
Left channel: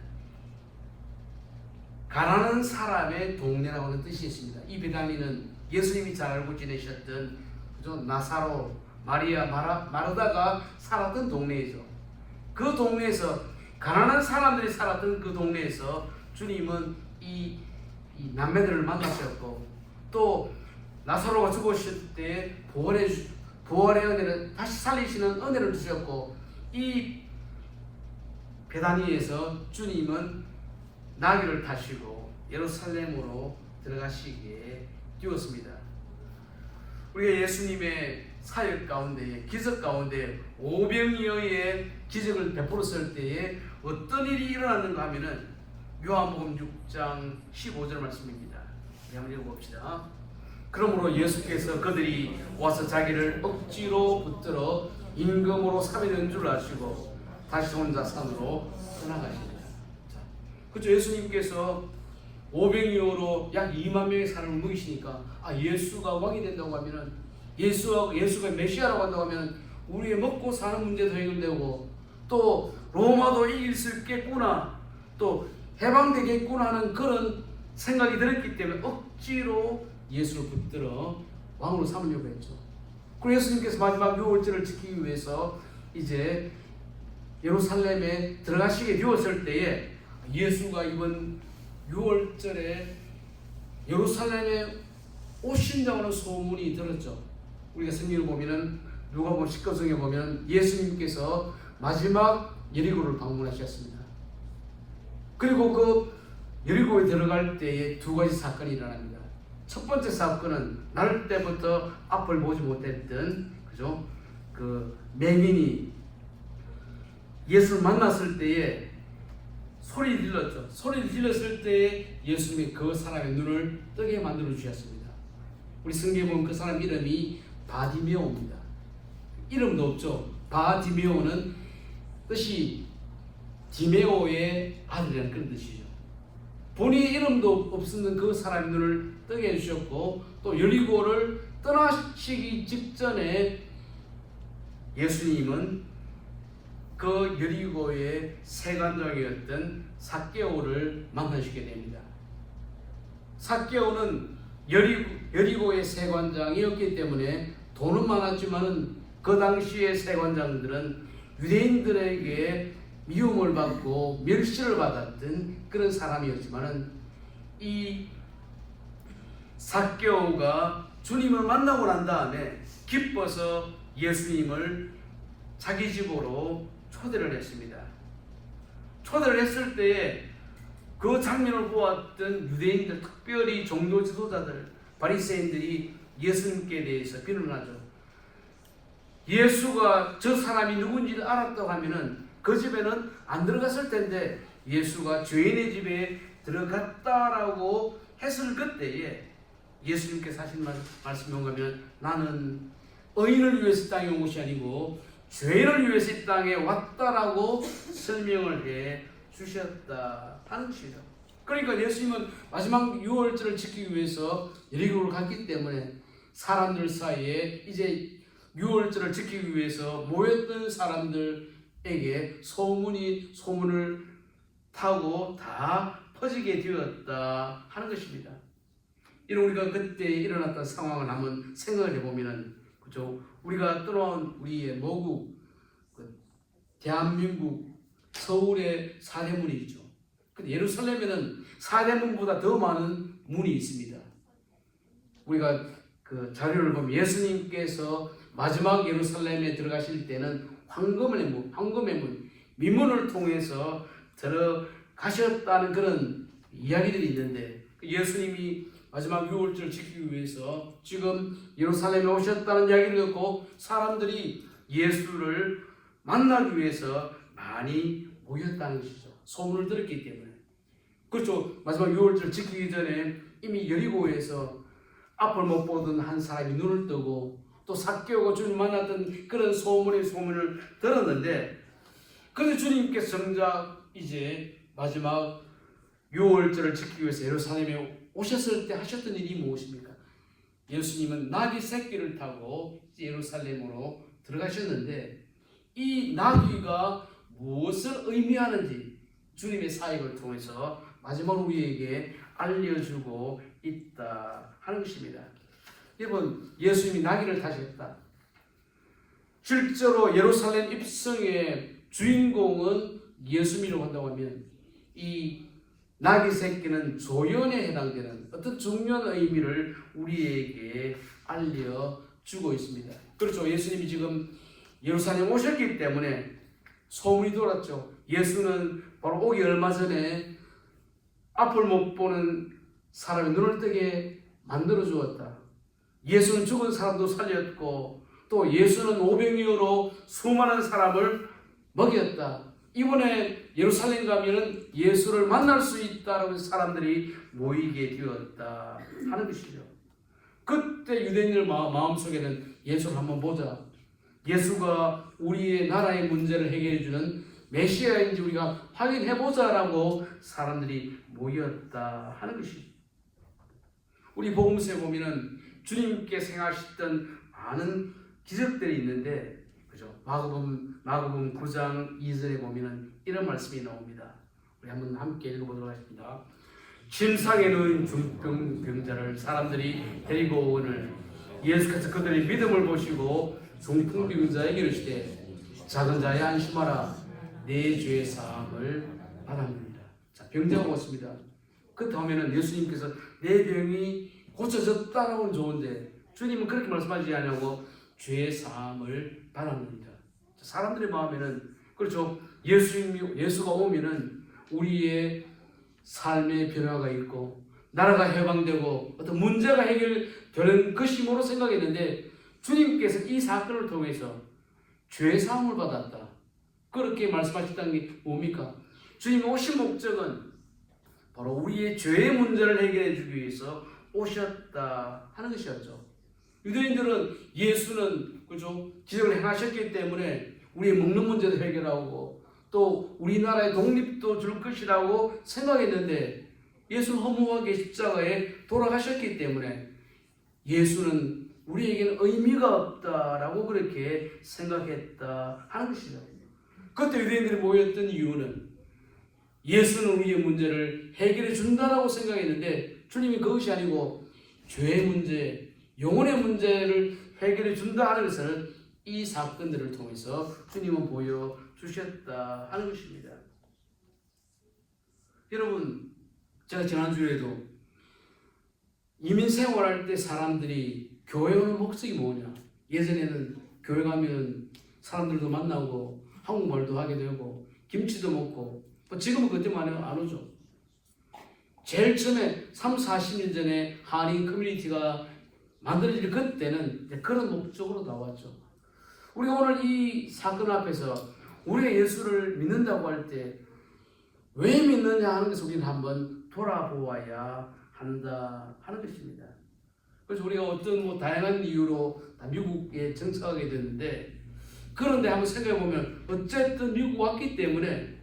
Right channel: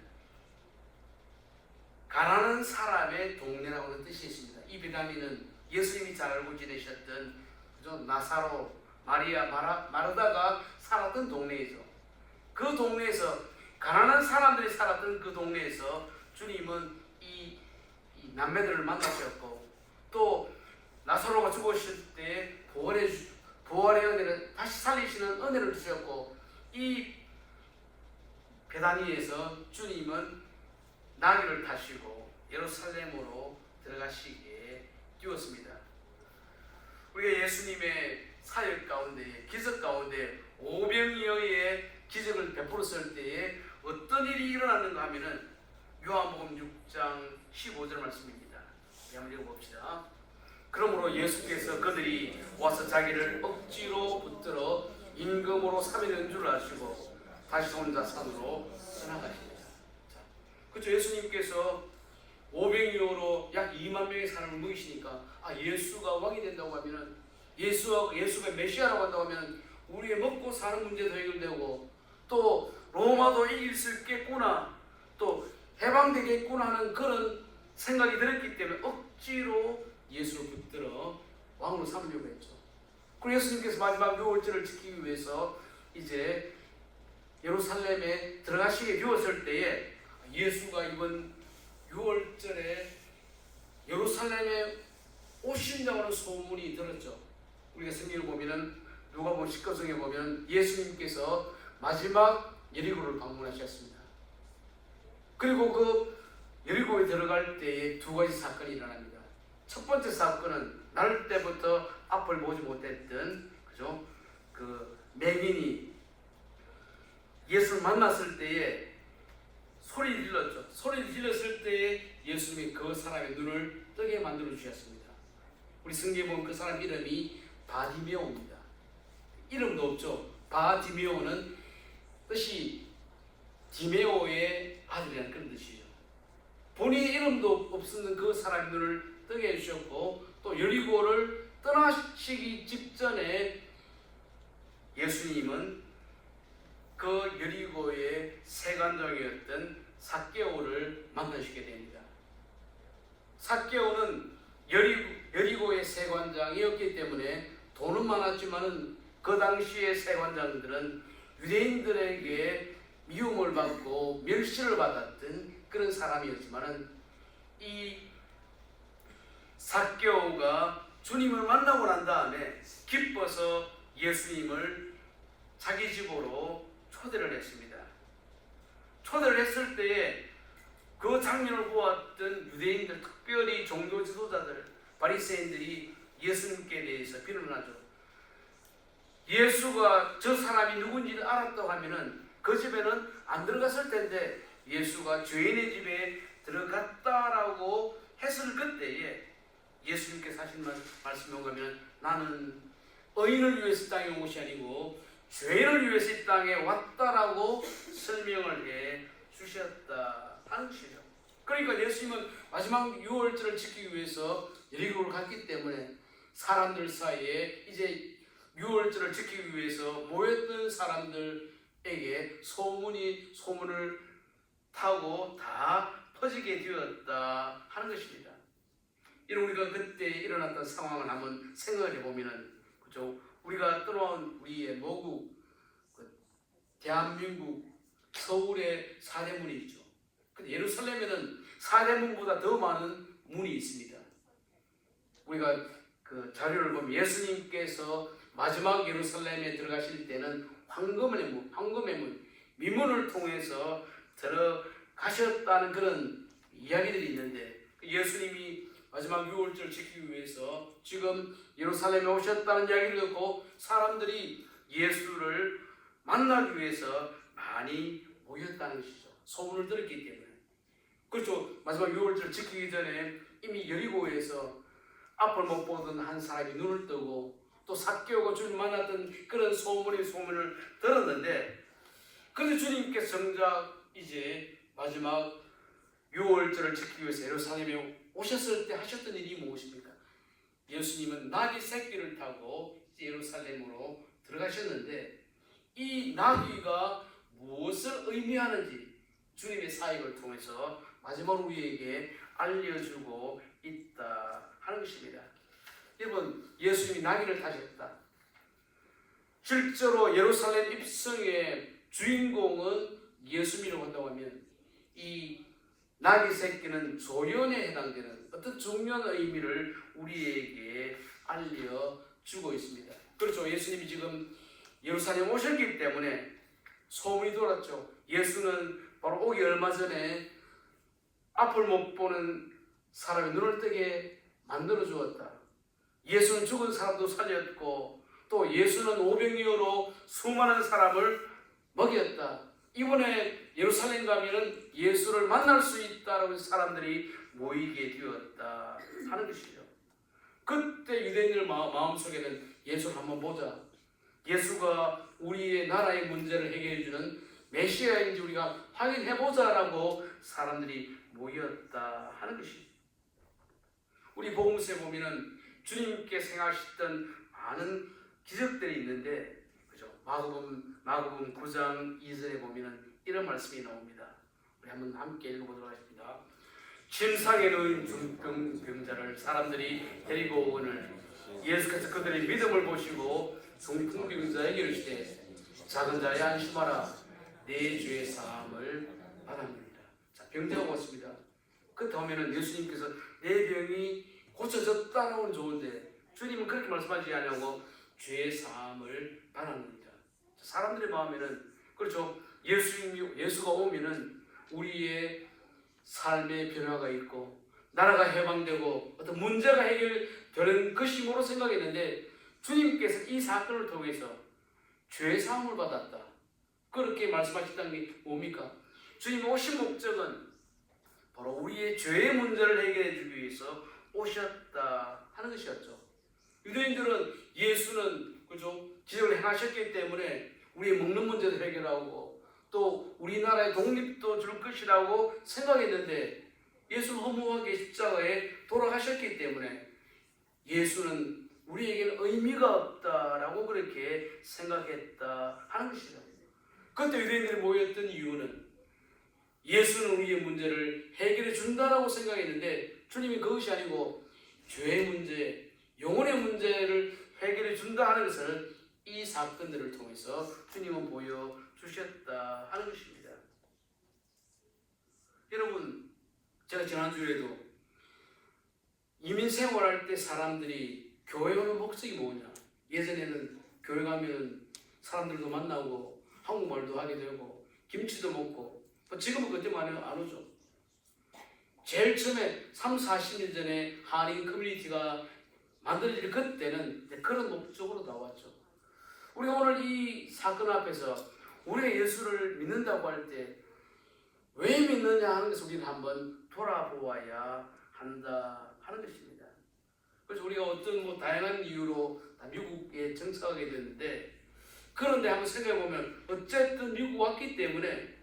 가난한 사람의 동네라고 하는 뜻이 있습니다. 이 베다니는 예수님이 잘 알고 지내셨던 나사로, 마리아, 마르다가 살았던 동네이죠. 그 동네에서, 가난한 사람들이 살았던 그 동네에서 주님은 이 남매들을 만나셨고, 또 나사로가 죽었을 때 부활의 은혜를, 다시 살리시는 은혜를 주셨고, 이 베다니에서 주님은 나귀를 타시고 예루살렘으로 들어가시게 되었습니다. 우리가 예수님의 사역 가운데, 기적 가운데 오병이어의 기적을 베풀었을 때에 어떤 일이 일어났는가 하면은 요한복음 6장 15절 말씀입니다. 한번 읽어봅시다. 그러므로 예수께서 그들이 와서 자기를 억지로 붙들어 임금으로 삼는 줄 아시고 다시 혼자 산으로 떠나가십니다. 그렇죠. 예수님께서 오병이어로 약 2만 명의 사람을 먹이시니까 예수가 왕이 된다고 하면은, 예수가 메시아라고 한다고 하면 우리의 먹고 사는 문제도 해결되고, 또 로마도 이길 수 있겠구나, 또 해방되겠구나 하는 그런 생각이 들었기 때문에 억지로 예수를 붙들어 왕으로 삼으려고 했죠. 그리고 예수님께서 마지막 유월절을 지키기 위해서 이제 예루살렘에 들어가시게 되었을 때에 예수가 이번 6월절에 예루살렘에 오신다고 하는 소문이 들었죠. 우리가 성경을 보면은 누가복음 19장에 보면 예수님께서 마지막 여리고를 방문하셨습니다. 그리고 그 여리고에 들어갈 때에 두 가지 사건이 일어납니다. 첫 번째 사건은 날 때부터 앞을 보지 못했던 그 맹인이 예수를 만났을 때에 소리를 질렀죠. 소리를 질렀을 때에 예수님이 그 사람의 눈을 뜨게 만들어 주셨습니다. 우리 성경에 보면 그 사람 이름이 바디메오입니다. 이름도 없죠. 바디메오는 뜻이 디메오의 아들이라는 그런 뜻이에요. 본인의 이름도 없었는 그 사람의 눈을 뜨게 해주셨고, 또 여리고를 떠나시기 직전에 예수님은 그 여리고의 세관장이었던 삭개오를 만나시게 됩니다. 삭개오는 여리고의 세관장이었기 때문에 돈은 많았지만은 그 당시의 세관장들은 유대인들에게 미움을 받고 멸시를 받았던 그런 사람이었지만은 이 삭개오가 주님을 만나고 난 다음에 기뻐서 예수님을 자기 집으로 초대를 했습니다. 초대를 했을 때에 그 장면을 보았던 유대인들, 특별히 종교 지도자들, 바리새인들이 예수님께 대해서 비난하죠. 예수가 저 사람이 누군지를 알았다고 하면은 그 집에는 안 들어갔을 텐데 예수가 죄인의 집에 들어갔다라고 했을 그때에 예수님께서 하신 말씀이 뭐냐면, 나는 의인을 위해서 땅에 온 것이 아니고 죄인을 위해서 이 땅에 왔다라고 설명을 해 주셨다 하는 것이죠. 그러니까 예수님은 마지막 유월절을 지키기 위해서 여리고를 갔기 때문에 사람들 사이에 이제 유월절을 지키기 위해서 모였던 사람들에게 소문을 타고 다 퍼지게 되었다 하는 것입니다. 이런 우리가 그때 일어났던 상황을 한번 생각을 해보면은, 그죠? 우리가 떠나온 우리의 모국, 대한민국 서울의 사대문이죠. 근데 예루살렘에는 사대문보다 더 많은 문이 있습니다. 우리가 그 자료를 보면 예수님께서 마지막 예루살렘에 들어가실 때는 황금의 문, 미문을 통해서 들어가셨다는 그런 이야기들이 있는데, 예수님이 마지막 유월절을 지키기 위해서 지금 예루살렘에 오셨다는 이야기를 듣고 사람들이 예수를 만나기 위해서 많이 모였다는 것이죠. 소문을 들었기 때문에. 그렇죠. 마지막 유월절 지키기 전에 이미 여리고에서 앞을 못 보던 한 사람이 눈을 뜨고 또 삭개오고 주님 만났던 그런 소문을 들었는데, 그런데 주님께서 정작 이제 마지막 유월절을 지키기 위해서 예루살렘에 오셨을 때 하셨던 일이 무엇입니까? 예수님은 나귀 새끼를 타고 예루살렘으로 들어가셨는데, 이 나귀가 무엇을 의미하는지 주님의 사역을 통해서 마지막으로 우리에게 알려주고 있다 하는 것입니다. 여러분, 예수님이 나귀를 타셨다. 실제로 예루살렘 입성의 주인공은 예수님이라고 한다고 하면 이 나귀 새끼는 조연에 해당되는 어떤 중요한 의미를 우리에게 알려주고 있습니다. 그렇죠. 예수님이 지금 예루살렘 오셨기 때문에 소문이 돌았죠. 예수는 바로 오기 얼마 전에 앞을 못 보는 사람의 눈을 뜨게 만들어 주었다. 예수는 죽은 사람도 살렸고 또 예수는 오병이어로 수많은 사람을 먹였다. 이번에 예루살렘 가면은 예수를 만날 수 있다는 사람들이 모이게 되었다 하는 것이죠. 그때 유대인들 마음속에는 예수를 한번 보자. 예수가 우리의 나라의 문제를 해결해 주는 메시아인지 우리가 확인해 보자라고 사람들이 모였다 하는 것이죠. 우리 복음서에 보면은 주님께서 행하셨던 많은 기적들이 있는데, 그죠? 마가복음 9장 2절에 보면은 이런 말씀이 나옵니다. 우리 한번 함께 읽어보도록 하겠습니다. 침상에 누운 중병자를 사람들이 데리고 오늘 예수께서 그들의 믿음을 보시고 중풍병자에게 이르시되 작은 자야 안심하라 내 죄의 사함을 받았느니라. 자, 병자가 왔습니다. 그 다음에는 예수님께서 내 병이 고쳐졌다라고는 좋은데 주님은 그렇게 말씀하지 않냐고 죄의 사함을 받았느니라. 사람들의 마음에는 그렇죠. 예수가 오면은 우리의 삶의 변화가 있고 나라가 해방되고 어떤 문제가 해결되는 것이므로 생각했는데, 주님께서 이 사건을 통해서 죄 사함을 받았다 그렇게 말씀하셨다는 게 뭡니까? 주님 오신 목적은 바로 우리의 죄의 문제를 해결해 주기 위해서 오셨다 하는 것이었죠. 유대인들은 예수는 그죠? 기적을 행하셨기 때문에 우리의 먹는 문제도 해결하고 또 우리나라의 독립도 줄 것이라고 생각했는데, 예수는 허무하게 십자가에 돌아가셨기 때문에 예수는 우리에게는 의미가 없다라고 그렇게 생각했다 하는 것이죠. 그때 유대인들이 모였던 이유는 예수는 우리의 문제를 해결해 준다라고 생각했는데, 주님이 그것이 아니고 죄의 문제, 영혼의 문제를 해결해 준다 하는 것을 이 사건들을 통해서 주님은 보여주셨다 하는 것입니다. 여러분, 제가 지난주에도 이민 생활할 때 사람들이 교회 오는 목적이 뭐냐? 예전에는 교회 가면 사람들도 만나고 한국말도 하게 되고 김치도 먹고, 지금은 그때만 안 오죠. 제일 처음에 30-40년 전에 한인 커뮤니티가 만들어질 그때는 그런 목적으로 나왔죠. 우리가 오늘 이 사건 앞에서 우리가 예수를 믿는다고 할 때 왜 믿느냐 하는 것을 우리는 한번 돌아보아야 한다 하는 것입니다. 그래서 우리가 어떤 다양한 이유로 미국에 정착하게 됐는데, 그런데 한번 생각해 보면 어쨌든 미국 왔기 때문에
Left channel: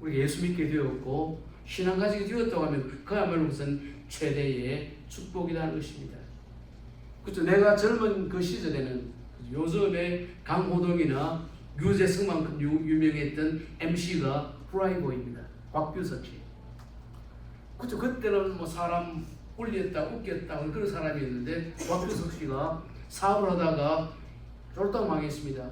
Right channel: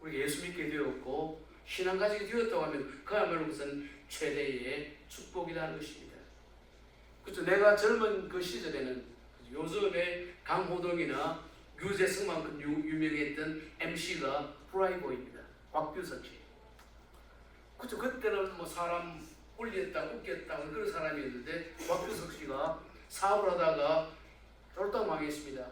우리 예수 믿게 되었고 신앙 가지게 되었다고 하면 그야말로 무슨 최대의 축복이라는 것입니다. 그렇죠. 내가 젊은 그 시절에는 요즘에 강호동이나 유재석만큼 유명했던 MC가 프라이보입니다. 곽규석 씨. 그렇죠. 그때는 뭐 사람 울렸다 웃겼다 그런 사람이었는데, 곽규석 씨가 사업을 하다가 쫄딱 망했습니다.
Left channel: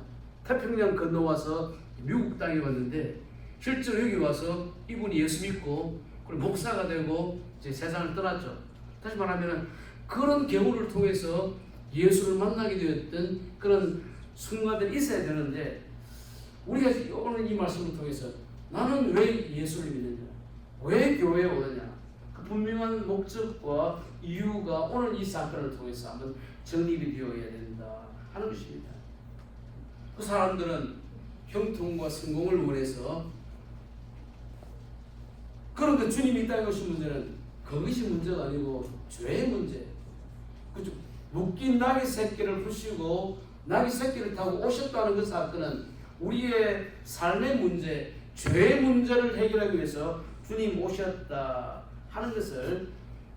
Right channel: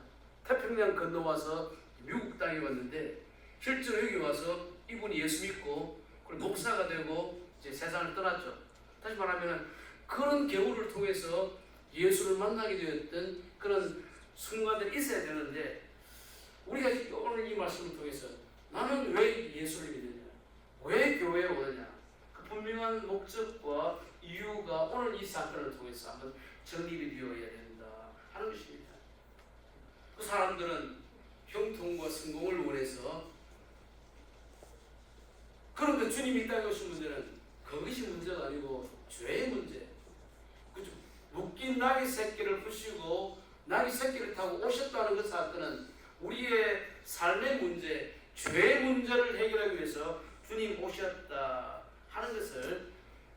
태평양 건너와서 미국 땅에 왔는데, 실제로 여기 와서 이분이 예수 믿고 목사가 되고 이제 세상을 떠났죠. 다시 말하면 그런 경우를 통해서 예수를 만나게 되었던 그런 순간들이 있어야 되는데, 우리가 오늘 이 말씀을 통해서 나는 왜 예수를 믿느냐, 왜 교회에 오느냐, 그 분명한 목적과 이유가 오늘 이 사건을 통해서 한번 정립이 되어야 된다 하는 것입니다. 그 사람들은 형통과 성공을 원해서, 그런데 주님이 이 땅에 오신 문제는 그것이 문제가 아니고 죄의 문제. 그죠? 묶인 나귀 새끼를 부시고 나귀 새끼를 타고 오셨다는 그 사건은 우리의 삶의 문제, 죄의 문제를 해결하기 위해서 주님 오셨다 하는 것을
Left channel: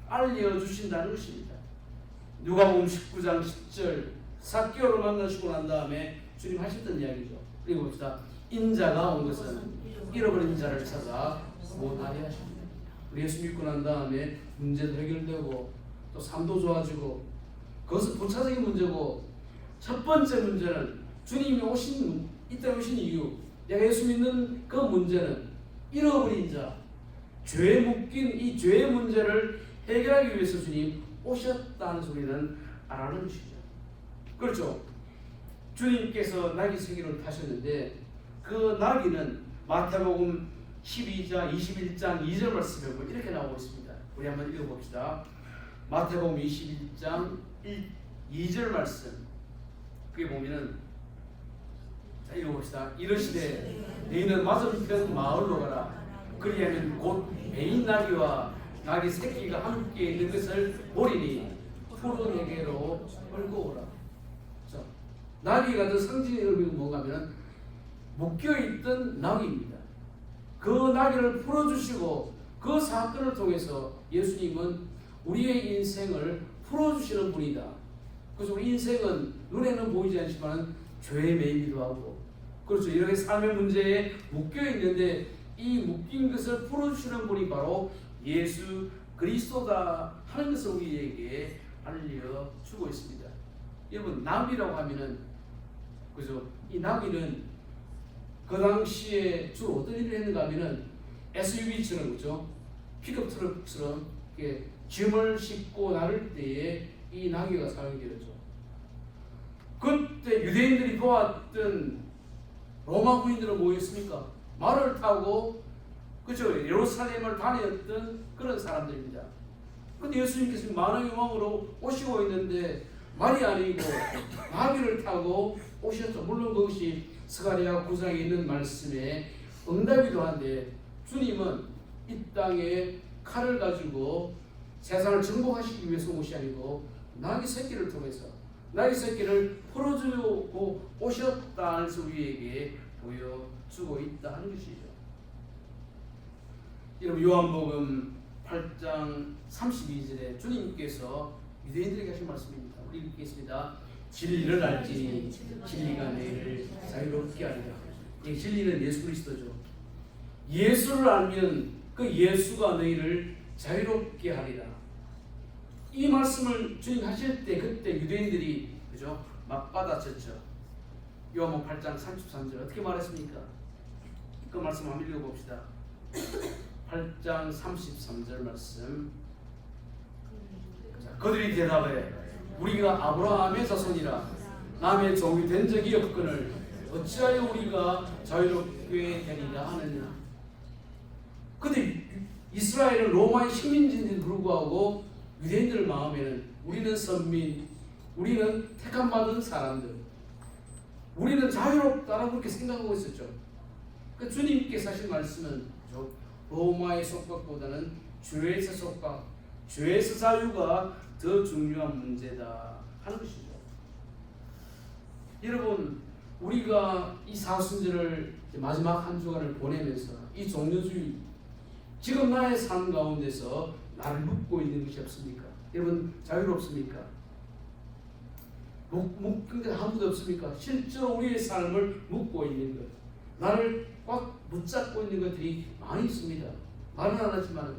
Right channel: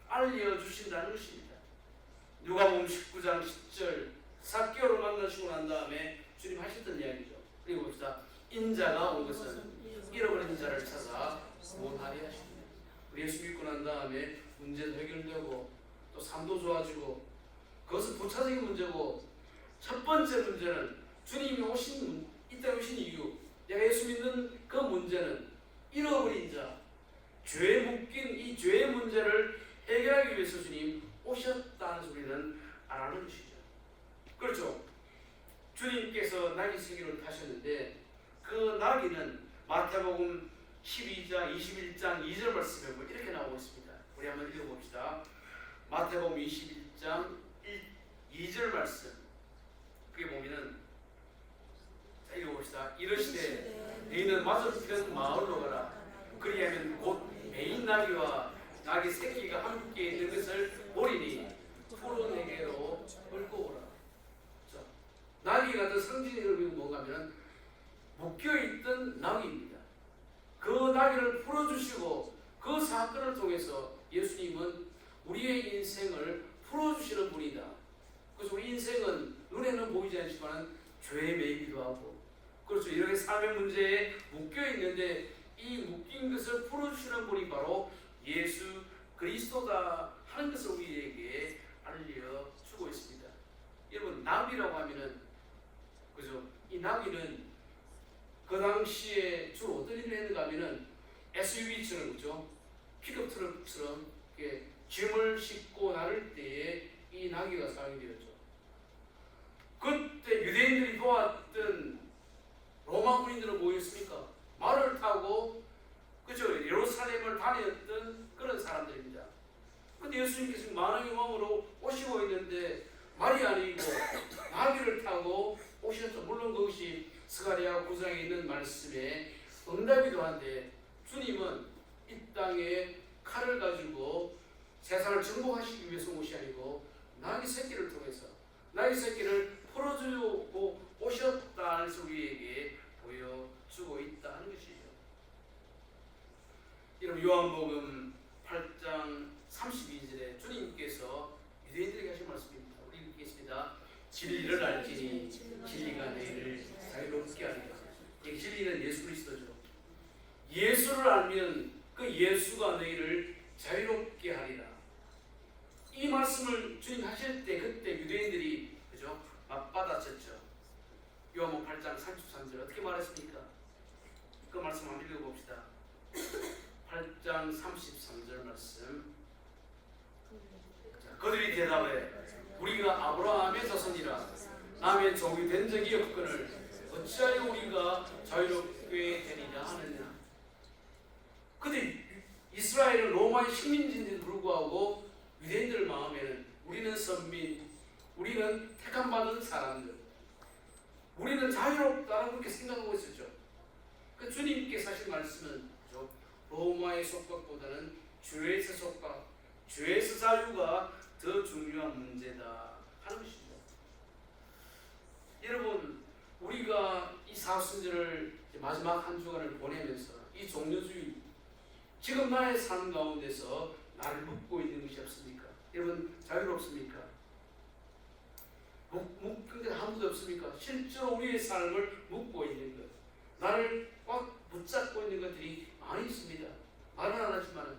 알려주신다는 것입니다. 누가복음 19장 10절, 삭개오를 만나시고 난 다음에 주님 하셨던 이야기죠. 읽어봅시다. 인자가 온 것은 잃어버린 자를 찾아 구원하려 하십니다. 우리 예수 믿고 난 다음에 문제도 해결되고 또 삶도 좋아지고, 그것은 본차적인 문제고, 첫 번째 문제는 주님이 이 땅에 오신 이유, 내가 예수 믿는 그 문제는 잃어버린 자, 죄에 묶인 이 죄의 문제를 해결하기 위해서 주님 오셨다는 소리는 알아는 것이죠. 그렇죠. 주님께서 나귀 새끼를 타셨는데 그 나귀는 마태복음 12장 21장 2절 말씀에 보면 이렇게 나오고 있습니다. 우리 한번 읽어봅시다. 마태복음 21장 2절 말씀, 그게 보면은, 자 읽어봅시다. 이르시되 너희는 맞은편 마을로 가라. 그리하면 곧 매인 나귀와 나귀 새끼가 함께 있는 것을 보리니 푸른 내게로 끌고 오라. 자, 나귀가 그 상징의 의미는 뭔가 하면 묶여있던 나귀입니다. 그 나귀를 풀어주시고 그 사건을 통해서 예수님은 우리의 인생을 풀어주시는 분이다. 그래서 우리 인생은 눈에는 보이지 않지만 죄에 매이기도 하고, 그렇죠. 이렇게 삶의 문제에 묶여있는데 이 묶인 것을 풀어주시는 분이 바로 예수 그리스도다 하는 것을 우리에게 알려주고 있습니다. 여러분, 나귀라고 하면은, 그죠? 이 나귀는 그 당시에 주로 어떤 일을 했는가 하면은 SUV처럼, 그죠? 픽업 트럭처럼 이렇게 짐을 싣고 나를 때에 이 나귀가 사용이 되었죠. 그때 유대인들이 보았던 로마 군인들은 뭐였습니까? 말을 타고, 그죠? 예루살렘을 다녔던 그런 사람들입니다. 근데 예수님께서 만왕의 왕으로 오시고 있는데 말이 아니고 나귀를 타고 오셨죠. 물론 그것이 스가랴 9장에 있는 말씀에 응답이기도 한데, 주님은 이 땅에 칼을 가지고 세상을 정복하시기 위해서 온 것이 아니고 나귀 새끼를 통해서 나귀 새끼를 풀어주려고 오셨다는 것을 우리에게 보여주고 있다 하는 것이죠. 여러분, 요한복음 8장 32절에 주님께서 유대인들에게 하신 말씀입니다. 우리 읽겠습니다. 진리를 알지니 진리가 너희를 자유롭게 하리라. 이 진리는 예수 그리스도죠. 예수를 알면 그 예수가 너희를 자유롭게 하리라. 이 말씀을 주님 하실 때 그때 유대인들이, 그죠? 막 받아쳤죠. 요한복음 8장 33절 어떻게 말했습니까? 그 말씀 한번 읽어봅시다. 8장 33절 말씀. 자, 그들이 대답해 우리가 아브라함의 자손이라 남의 종이 된 적이 없거늘 어찌하여 우리가 자유롭게 되리라 하느냐. 근데 이스라엘은 로마의 식민지인데도 불구하고 유대인들 마음에는 우리는 선민, 우리는 택함받은 사람들, 우리는 자유롭다라고 그렇게 생각하고 있었죠. 그러니까 주님께서 하신 말씀은 로마의 속박보다는 죄에서 속박, 죄에서 자유가 더 중요한 문제다 하는 것이죠. 여러분, 우리가 이 사순절을 마지막 한 주간을 보내면서 이 종료주의, 지금 나의 삶 가운데서 나를 묶고 있는 것이 없습니까? 여러분, 자유롭습니까? 묶은 게 아무도 없습니까? 실제로 우리의 삶을 묶고 있는 것, 나를 꽉 붙잡고 있는 것들이 많이 있습니다. 말은 안 하지만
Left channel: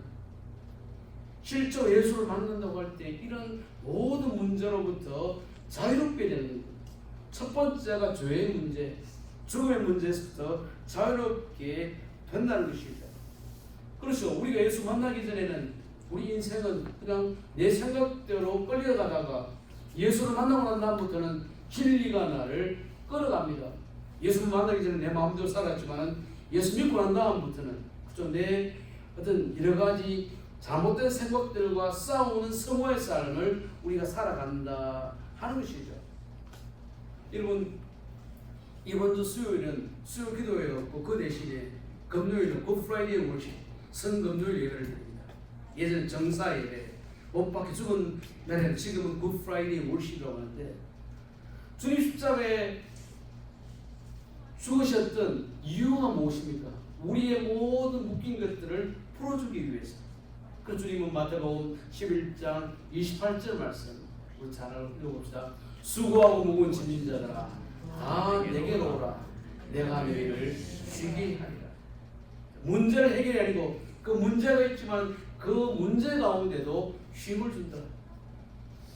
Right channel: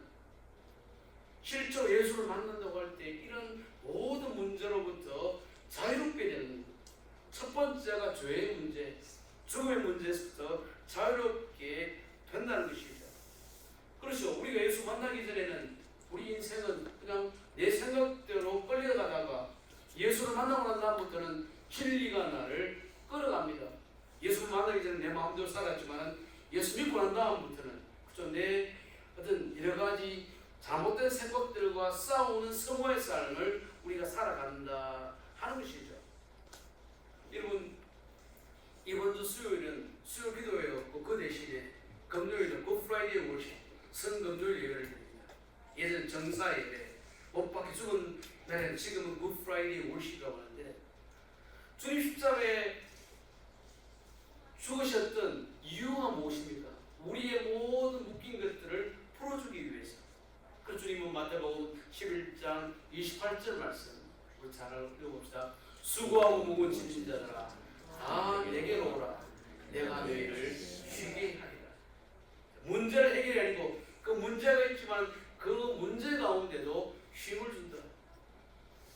실제로 예수를 만난다고 할 때 이런 모든 문제로부터 자유롭게 되는 것. 첫 번째가 죄의 문제, 죽음의 문제에서부터 자유롭게 된다는 것이죠. 그렇죠. 우리가 예수 만나기 전에는 우리 인생은 그냥 내 생각대로 끌려가다가 예수를 만나고 난 다음부터는 진리가 나를 끌어갑니다. 예수를 만나기 전에 내 마음대로 살았지만 예수 믿고 난 다음부터는 그죠, 내 어떤 여러 가지 잘못된 생각들과 싸우는 성화의 삶을 우리가 살아간다 하는 것이죠. 여러분, 이번 주 수요일은 수요 기도회였고 그 대신에 금요일은 굿프라이데이 월십 성금요일 예배를 드립니다. 예전 정사 예배 못 박혀 죽은 날에는 지금은 굿프라이데이 월십이라고 하는데 주님 십자가에 죽으셨던 이유가 무엇입니까? 우리의 모든 묶인 것들을 풀어주기 위해서. 그 주님은 마태복음 11장 28절 말씀 우리 잘 읽어봅시다. 수고하고 무거운 짐진 자들아 다 내게로 오라 내가 너희를 쉬게 하리라. 문제를 해결이 아니고 그 문제가 있지만 그 문제 가운데도 쉼을 준다.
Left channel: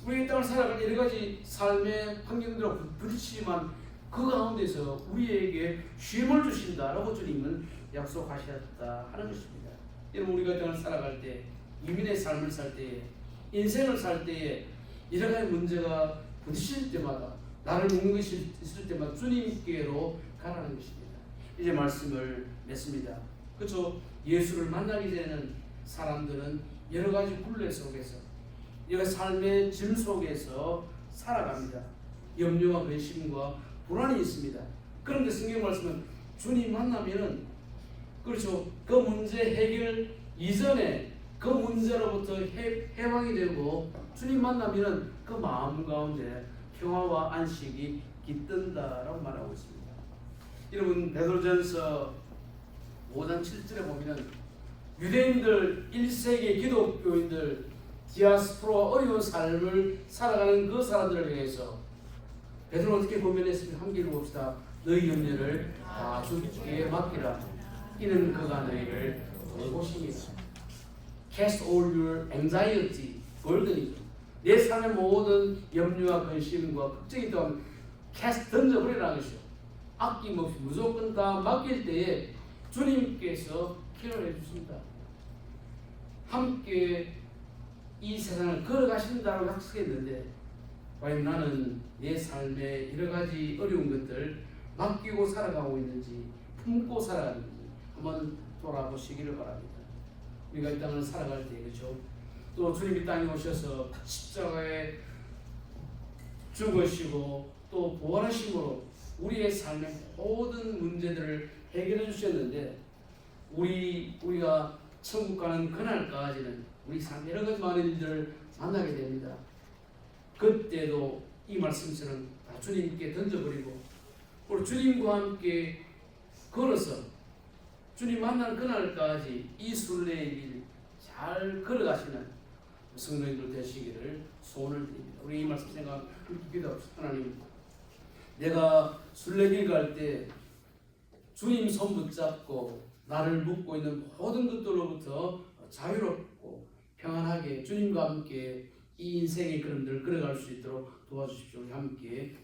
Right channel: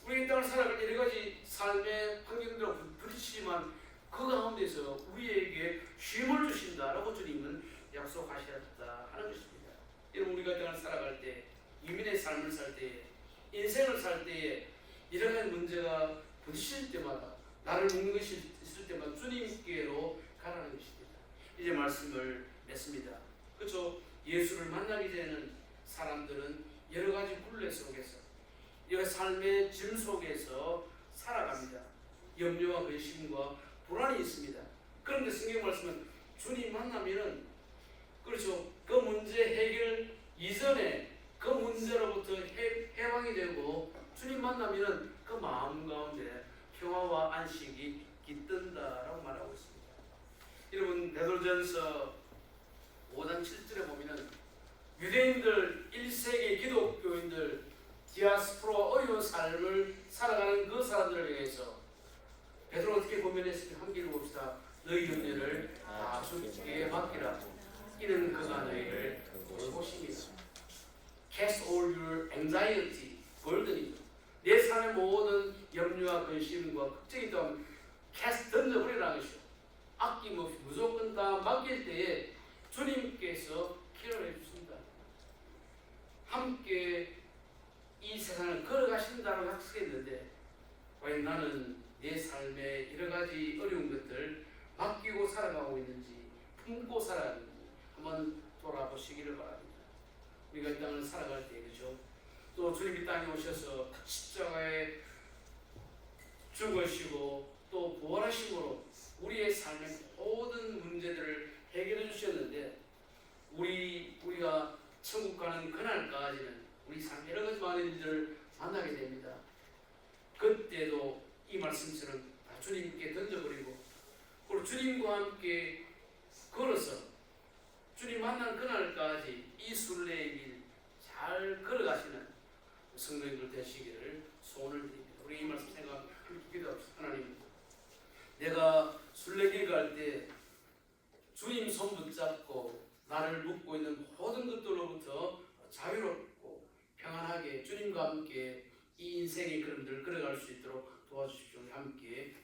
우리 이 땅을 살아갈 때 여러 가지 삶의 환경들하고 부딪히지만 그 가운데서 우리에게 쉼을 주신다라고 주님은 약속하셨다 하는 것입니다. 여러분 우리가 이 땅을 살아갈 때 유민의 삶을 살 때에 인생을 살 때에 여러 가지 문제가 부딪힐 때마다 나를 묶는 것이 있을 때마다 주님께로 가라는 것입니다. 이제 말씀을 맺습니다. 그렇죠? 예수를 만나기 전에는 사람들은 여러 가지 굴레 속에서 여러 삶의 짐 속에서 살아갑니다. 염려와 근심과 불안이 있습니다. 그런데 성경 말씀은 주님 만나면은 그렇죠. 그 문제 해결 이전에 그 문제로부터 해방이 되고 주님 만나면은 그 마음 가운데 평화와 안식이 깃든다라고 말하고 있습니다. 여러분 베드로전서 5장 7절에 보면은 유대인들 1세기 기독교인들 디아스포라 어려운 삶을 살아가는 그 사람들을 위해서 베드로는 어떻게 고면했습니까? 함께 읽어봅시다. 너희 염려를 다 주께 맡기라. 이는 그가 너희를 돌보시니라. Cast all your anxiety, burden이죠. 내 삶의 모든 염려와 근심과 걱정이 있다면 cast 던져버리라는 것이죠. 아낌없이 무조건 다 맡길 때에 주님께서 케어를 해주십니다. 함께 이 세상을 걸어가신다고 약속했는데 과연 나는 내 삶의 여러 가지 어려운 것들 맡기고 살아가고 있는지 품고 살아가는지 한번 돌아보시기를 바랍니다. 우리가 이 땅을 살아갈 때 그렇죠. 또 주님이 땅에 오셔서 십자가에 죽으시고 또 부활하심으로 우리의 삶의 모든 문제들을 해결해 주셨는데 우리가 천국 가는 그날까지는 우리 삶 여러 가지 많은 일들을 만나게 됩니다. 그때도 이 말씀처럼 다 주님께 던져버리고 그리고 주님과 함께 걸어서 주님 만난 그날까지 이 순례의 길 잘 걸어가시는 성도님들 되시기를 소원을 드립니다. 우리 이 말씀 생각 기도합시다. 하나님, 내가 순례길 갈 때 주님 손 붙잡고 나를 묶고 있는 모든 것들로부터 자유롭고 평안하게 주님과 함께 이 인생의 걸음들을 걸어갈 수 있도록 도와주십시오. 우리 함께